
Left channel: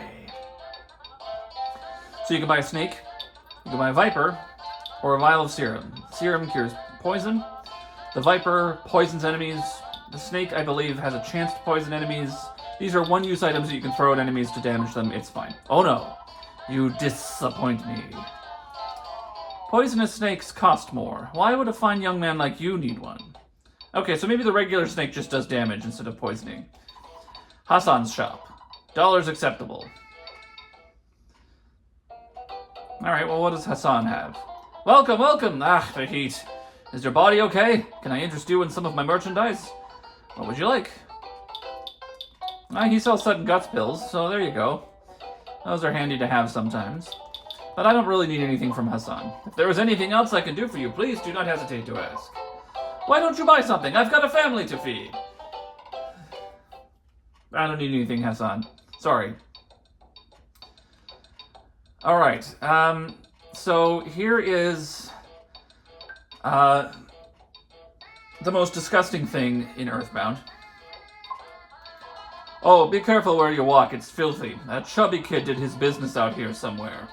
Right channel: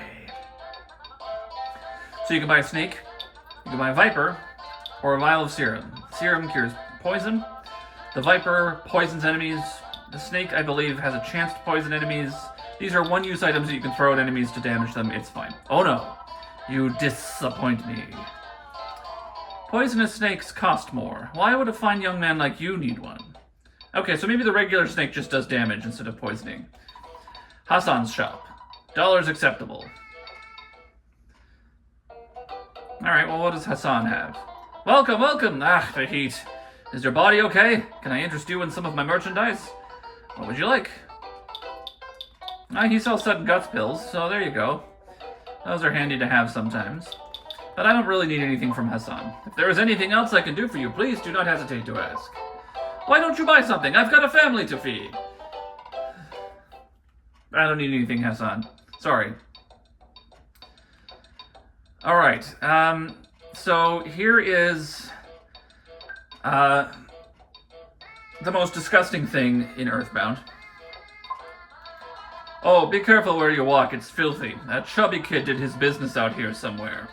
So you can buy a snake, you can buy a viper, or a vial of serum. Serum cures poison, the viper poisons enemies, the snake, I believe, has a chance to poison enemies. These are one-use items that you can throw at enemies to damage them, it's fine. Oh no, you disappoint me. Poisonous snakes cost more. Why would a fine young man like you need one? Okay, so maybe the regular snake just does damage instead of poisoning. Hassan's shop. Dollars acceptable. Alright, well, what does Hassan have? Welcome, welcome! Ah, the heat. Is your body okay? Can I interest you in some of my merchandise? What would you like? Ah, he sells sudden guts pills, so there you go. Those are handy to have sometimes. But I don't really need anything from Hassan. If there is anything else I can do for you, please do not hesitate to ask. Why don't you buy something? I've got a family to feed. I don't need anything, Hassan. Sorry. Alright, so here is the most disgusting thing in EarthBound. Oh, be careful where you walk, it's filthy. That chubby kid did his business out here somewhere.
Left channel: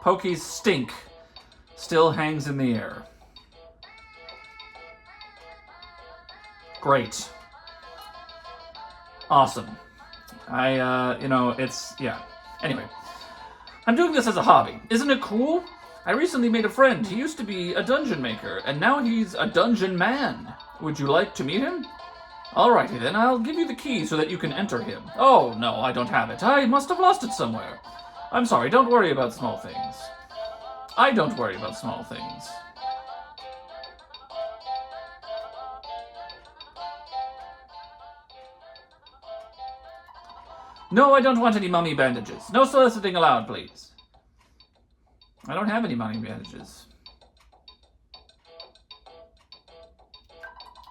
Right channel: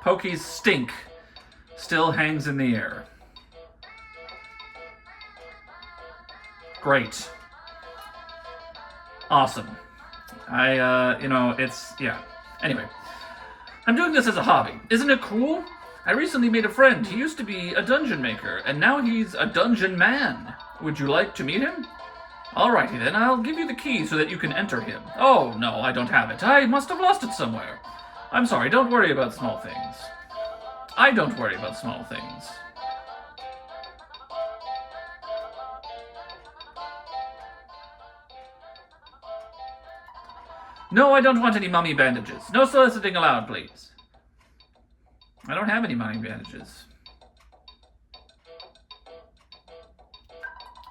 Pokey's stink still hangs in the air. Great. Awesome. Yeah. Anyway. I'm doing this as a hobby. Isn't it cool? I recently made a friend. He used to be a dungeon maker, and now he's a dungeon man. Would you like to meet him? Alrighty then, I'll give you the key so that you can enter him. Oh, no, I don't have it. I must have lost it somewhere. I'm sorry, don't worry about small things. I don't worry about small things. No, I don't want any mummy bandages. No soliciting allowed, please. I don't have any mummy bandages.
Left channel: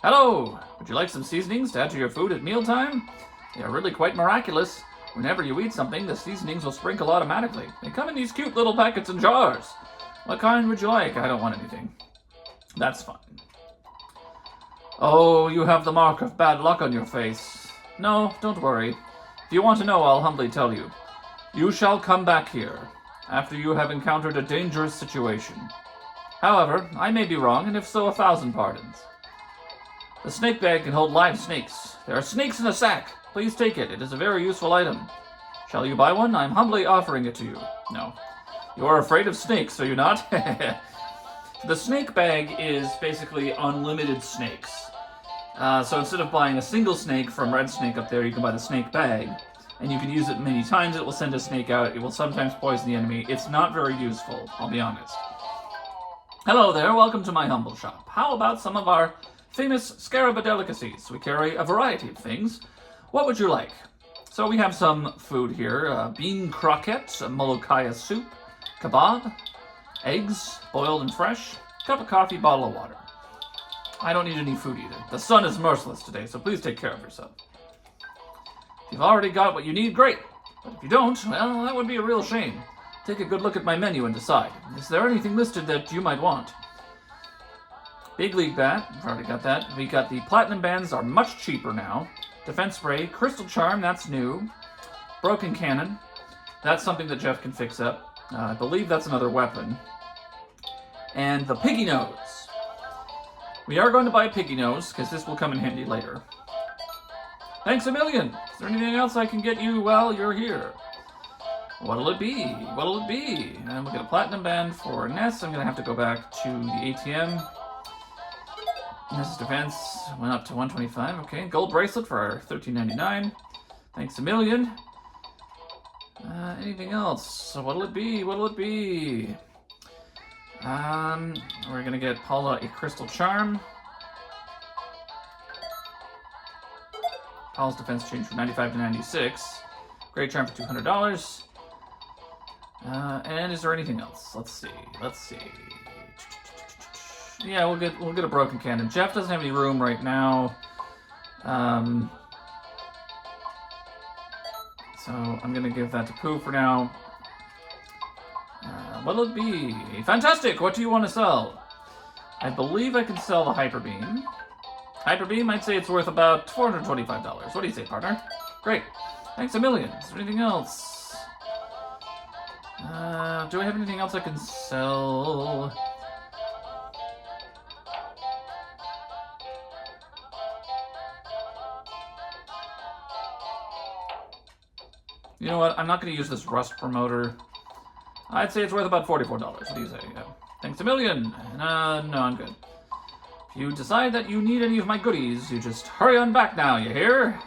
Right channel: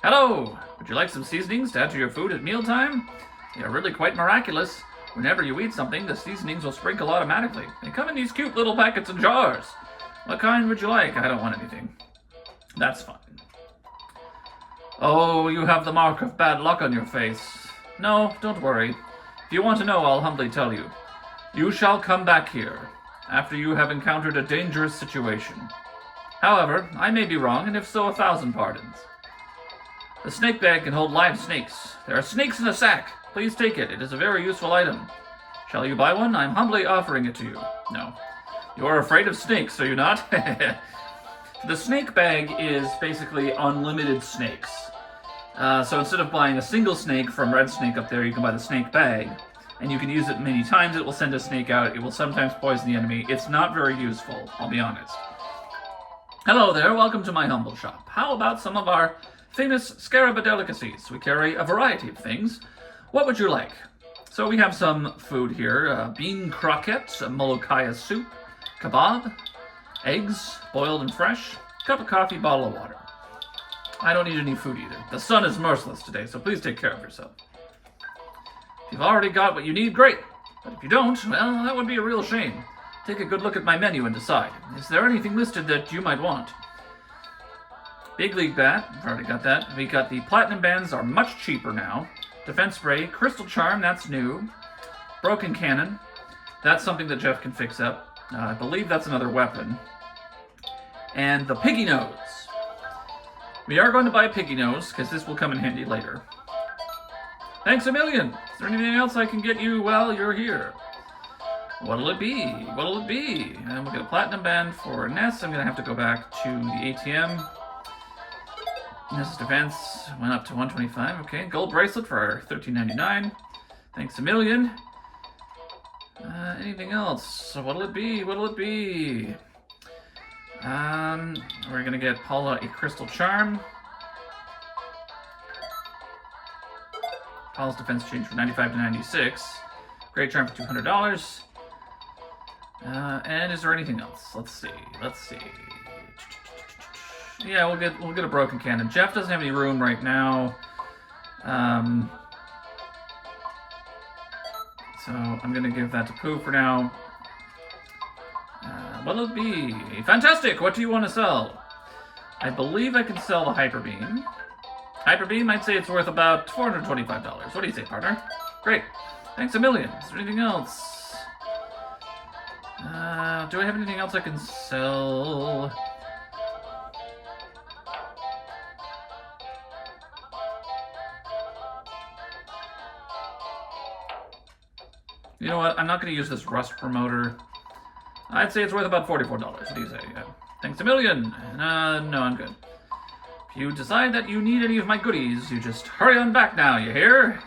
Hello! Would you like some seasonings to add to your food at mealtime? They are really quite miraculous. Whenever you eat something, the seasonings will sprinkle automatically. They come in these cute little packets and jars. What kind would you like? I don't want anything. That's fine. Oh, you have the mark of bad luck on your face. No, don't worry. If you want to know, I'll humbly tell you. You shall come back here, after you have encountered a dangerous situation. However, I may be wrong, and if so, 1,000 pardons. The snake bag can hold live snakes. There are snakes in a sack. Please take it. It is a very useful item. Shall you buy one? I'm humbly offering it to you. No. You are afraid of snakes, are you not? The snake bag is basically unlimited snakes. So instead of buying a single snake from Red Snake up there, you can buy the snake bag. And you can use it many times. It will send a snake out. It will sometimes poison the enemy. It's not very useful, I'll be honest. Hello there, welcome to my humble shop. How about some of our famous Scaraba delicacies? We carry a variety of things. What would you like? So we have some food here. Bean croquettes, molokhaya soup, kebab, eggs, boiled and fresh, cup of coffee, bottle of water. I don't need any food either. The sun is merciless today, so please take care of yourself. If you've already got what you need, great. But if you don't, well, that would be a real shame. Take a good look at my menu and decide. Is there anything listed that you might want? Big League Bat, I've already got that. We got the Platinum Bands are much cheaper now. Defense Spray, Crystal Charm, that's new. Broken Cannon, that's something that Jeff can fix up. I believe that's another weapon. And the Piggy Nose. We are going to buy a Piggy Nose, because this will come in handy later. Thanks a million! Is there anything else I can get you while you're here? What'll it be? What'll it be? And we'll get a Platinum Band for Ness. I'm going to have to go back to the ATM. Ness's defense went up to 125. Okay, gold bracelet for $13.99. Thanks a million. Anything else? So what'll it be? What'll it be? We're going to get Paula a Crystal Charm. Paula's defense changed from 95 to 96. Great Charm for $200. And is there anything else? Let's see. Yeah, we'll get a Broken Cannon. Jeff doesn't have any room right now. So I'm gonna give that to Pooh for now. What'll it be? Fantastic! What do you want to sell? I believe I can sell the Hyper Beam. Hyper Beam, I'd say it's worth about $425. What do you say, partner? Great. Thanks a million. Is there anything else? Do I have anything else I can sell? You know what? I'm not going to use this Rust Promoter. I'd say it's worth about $44. What do you say? Thanks a million. No, I'm good. If you decide that you need any of my goodies, you just hurry on back now, you hear?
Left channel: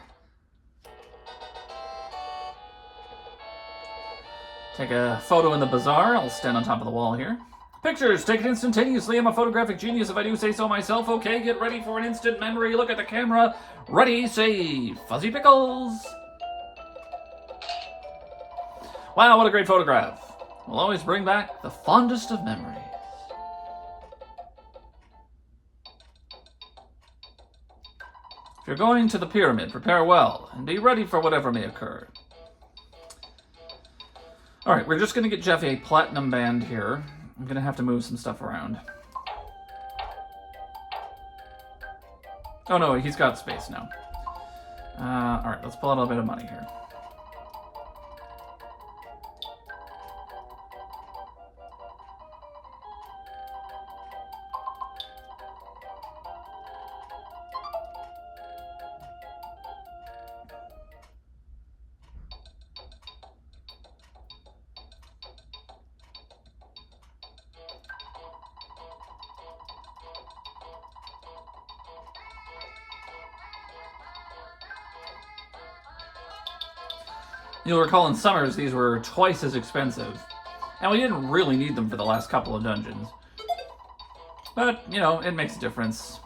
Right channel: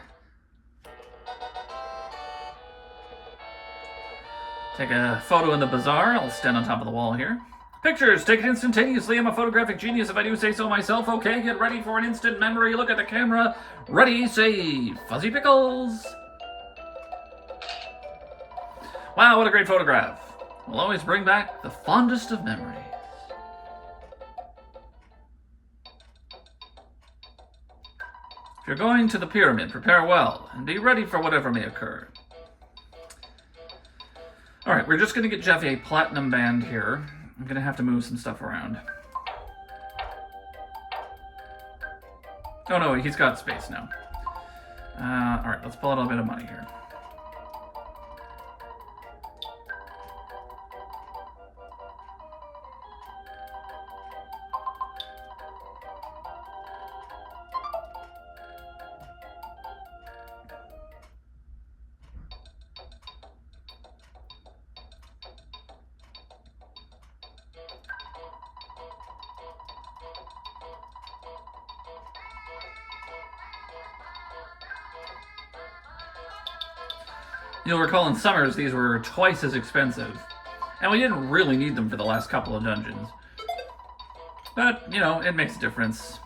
Take a photo in the bazaar. I'll stand on top of the wall here. Pictures taken instantaneously. I'm a photographic genius if I do say so myself. Okay, get ready for an instant memory. Look at the camera. Ready, say, Fuzzy Pickles. Wow, what a great photograph. Will always bring back the fondest of memories. If you're going to the pyramid, prepare well, and be ready for whatever may occur. Alright, we're just going to get Jeff a Platinum Band here. I'm going to have to move some stuff around. Oh no, he's got space now. Alright, let's pull out a little bit of money here. You'll recall in Summers these were twice as expensive, and we didn't really need them for the last couple of dungeons. But, you know, it makes a difference.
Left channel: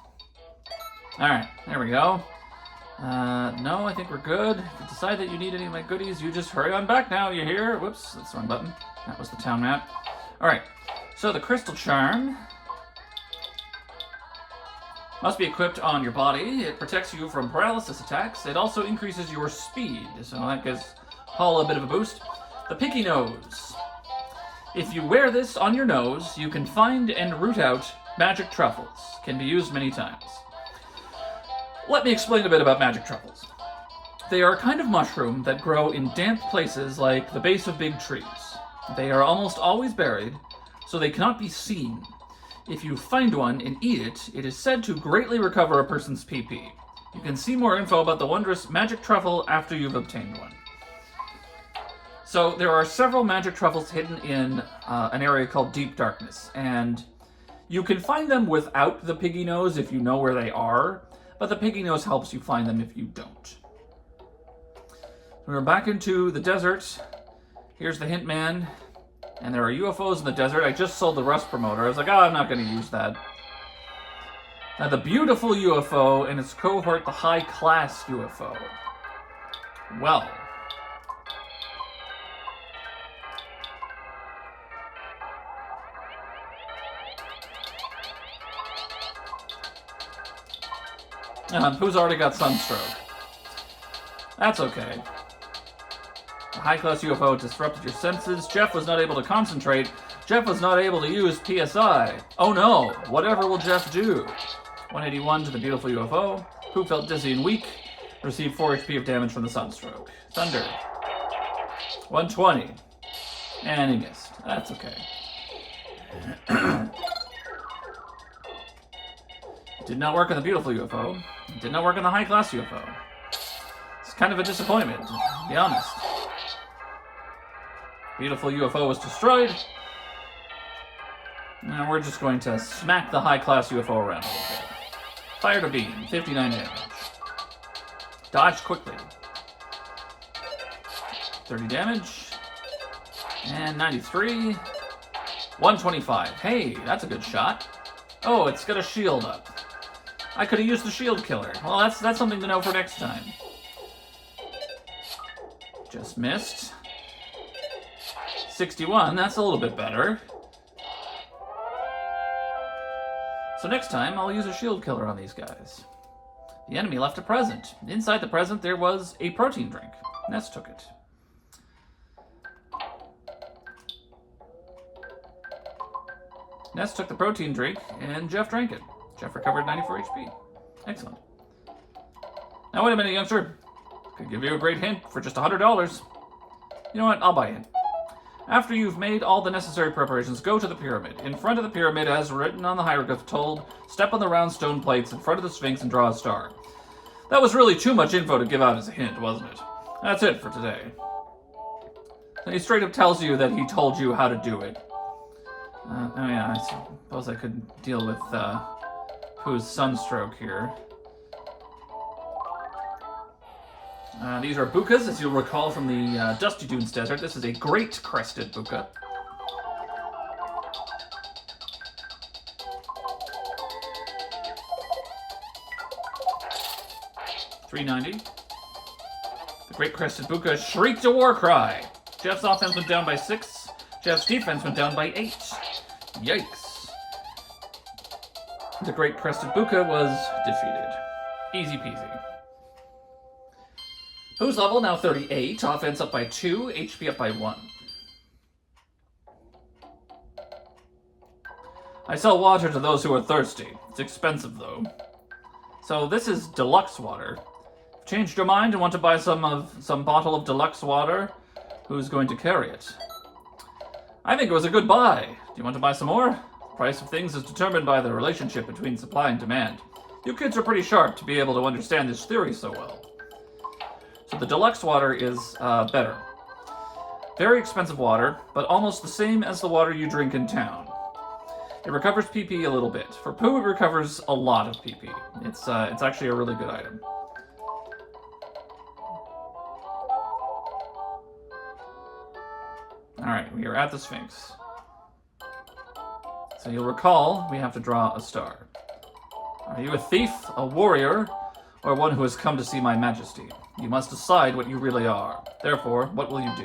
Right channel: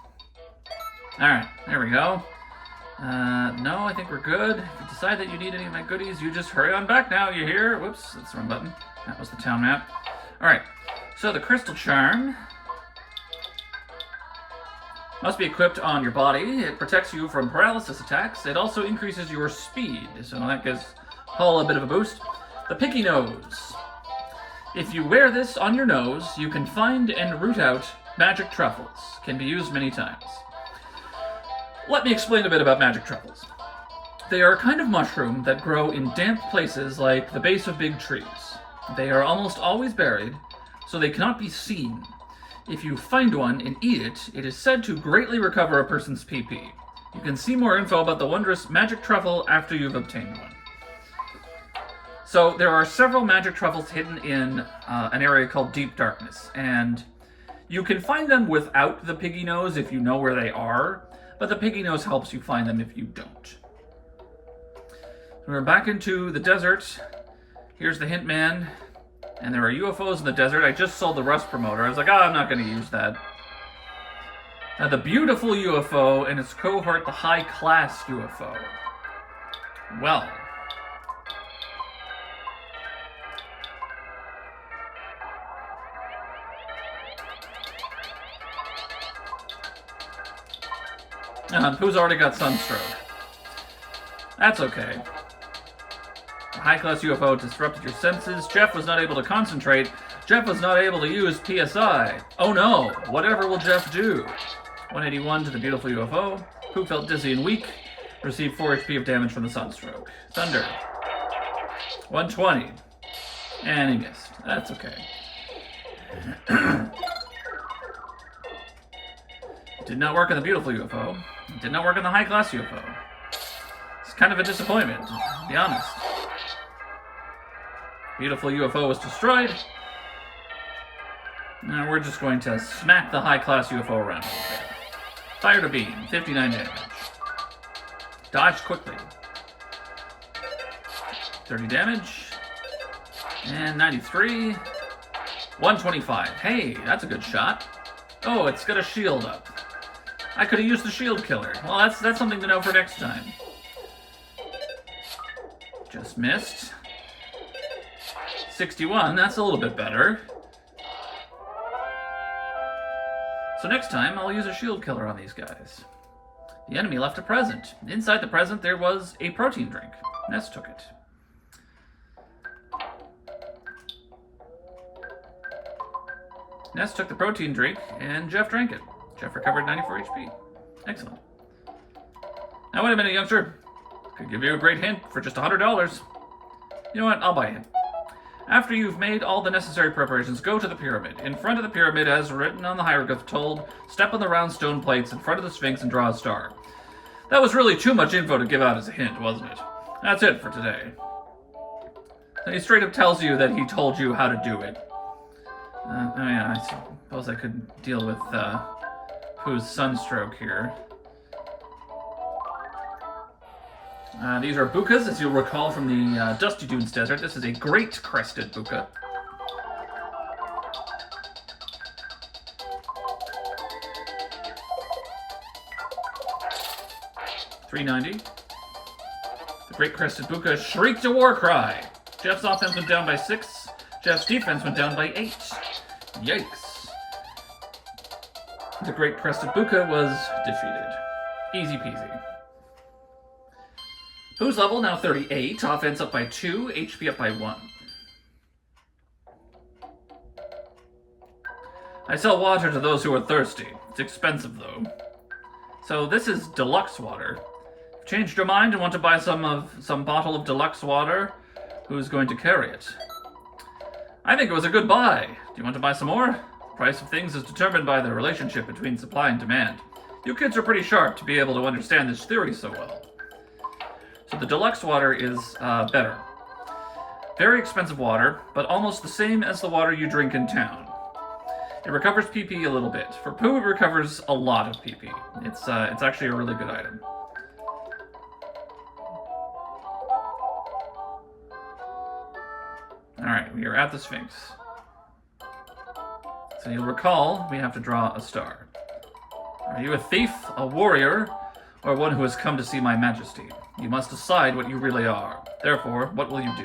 Alright, there we go. No, I think we're good. If you decide that you need any of my goodies, you just hurry on back now, you hear? Whoops, that's the wrong button. That was the town map. Alright, so the Crystal Charm. Must be equipped on your body. It protects you from paralysis attacks. It also increases your speed, so that gives Paul a bit of a boost. The Picky Nose. If you wear this on your nose, you can find and root out magic truffles. Can be used many times. Let me explain a bit about magic truffles. They are a kind of mushroom that grow in damp places like the base of big trees. They are almost always buried, so they cannot be seen. If you find one and eat it, it is said to greatly recover a person's PP. You can see more info about the wondrous magic truffle after you've obtained one. So there are several magic truffles hidden in an area called Deep Darkness, and you can find them without the Piggy Nose if you know where they are, but the Piggy Nose helps you find them if you don't. We're back into the desert. Here's the hint man. And there are UFOs in the desert. I just sold the Rust promoter. I was like, I'm not going to use that. Now, the beautiful UFO and its cohort, the high-class UFO. Well. Pooh's already got sunstroke. That's okay. The high-class UFO disrupted your senses. Jeff was not able to concentrate. Jeff was not able to use PSI. Oh no, whatever will Jeff do? 181 to the beautiful UFO. Pooh felt dizzy and weak. Received 4 HP of damage from the sunstroke. Thunder. 120. And he missed. That's okay. It did not work on the beautiful UFO. It did not work on the high-class UFO. It's kind of a disappointment, to be honest. Beautiful UFO was destroyed. Now we're just going to smack the high-class UFO around a little bit. Fired a beam, 59 damage. Dodge quickly. 30 damage. And 93. 125. Hey, that's a good shot. Oh, it's got a shield up. I could have used the shield killer. Well, that's something to know for next time. Just missed. 61, that's a little bit better. So next time, I'll use a shield killer on these guys. The enemy left a present. Inside the present, there was a protein drink. Ness took it. Ness took the protein drink, and Jeff drank it. Jeff recovered 94 HP. Excellent. Now wait a minute, youngster. Could give you a great hint for just $100. You know what? I'll buy a hint. After you've made all the necessary preparations, go to the pyramid. In front of the pyramid, as written on the hieroglyph told, step on the round stone plates in front of the Sphinx and draw a star. That was really too much info to give out as a hint, wasn't it? That's it for today. And he straight up tells you that he told you how to do it. I suppose I could deal with Pooh's sunstroke here. These are bukas, as you'll recall from the Dusty Dunes Desert. This is a great crested buka. $390. The great crested buka shrieked a war cry. Jeff's offense went down by 6. Jeff's defense went down by 8. Yikes. The great crested buka was defeated. Easy peasy. Pooh's level now 38, offense up by 2, HP up by 1. I sell water to those who are thirsty. It's expensive though. So this is deluxe water. Changed your mind and want to buy some bottle of deluxe water? Who's going to carry it? I think it was a good buy. Do you want to buy some more? The price of things is determined by the relationship between supply and demand. You kids are pretty sharp to be able to understand this theory so well. So the deluxe water is better. Very expensive water, but almost the same as the water you drink in town. It recovers PP a little bit. For Pooh, it recovers a lot of PP. It's actually a really good item. Alright, we are at the Sphinx. So you'll recall, we have to draw a star. Are you a thief, a warrior, or one who has come to see my majesty? You must decide what you really are. Therefore, what will you do?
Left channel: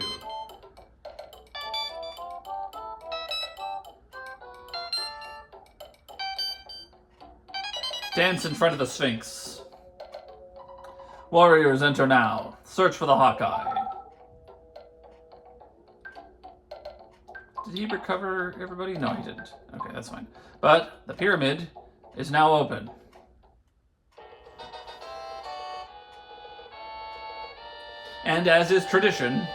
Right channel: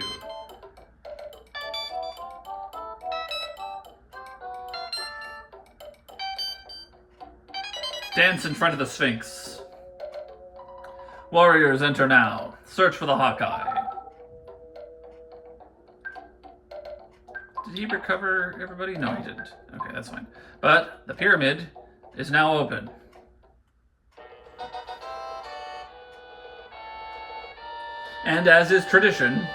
Dance in front of the Sphinx. Warriors, enter now. Search for the Hawkeye. Did he recover everybody? No, he didn't. Okay, that's fine. But the pyramid is now open. And as is tradition,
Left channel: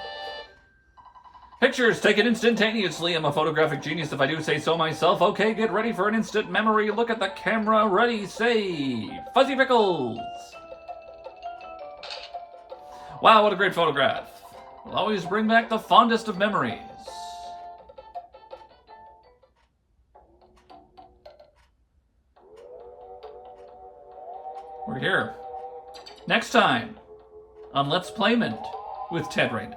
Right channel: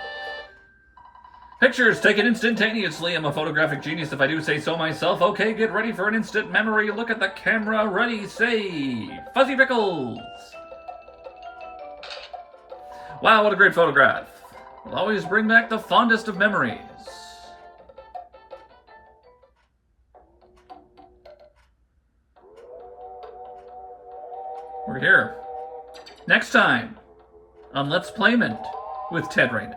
pictures taken instantaneously. I'm a photographic genius if I do say so myself. Okay, get ready for an instant memory. Look at the camera. Ready, say, Fuzzy Pickles. Wow, what a great photograph. Will always bring back the fondest of memories. We're here. Next time on Let's Playmond with Ted Raymond.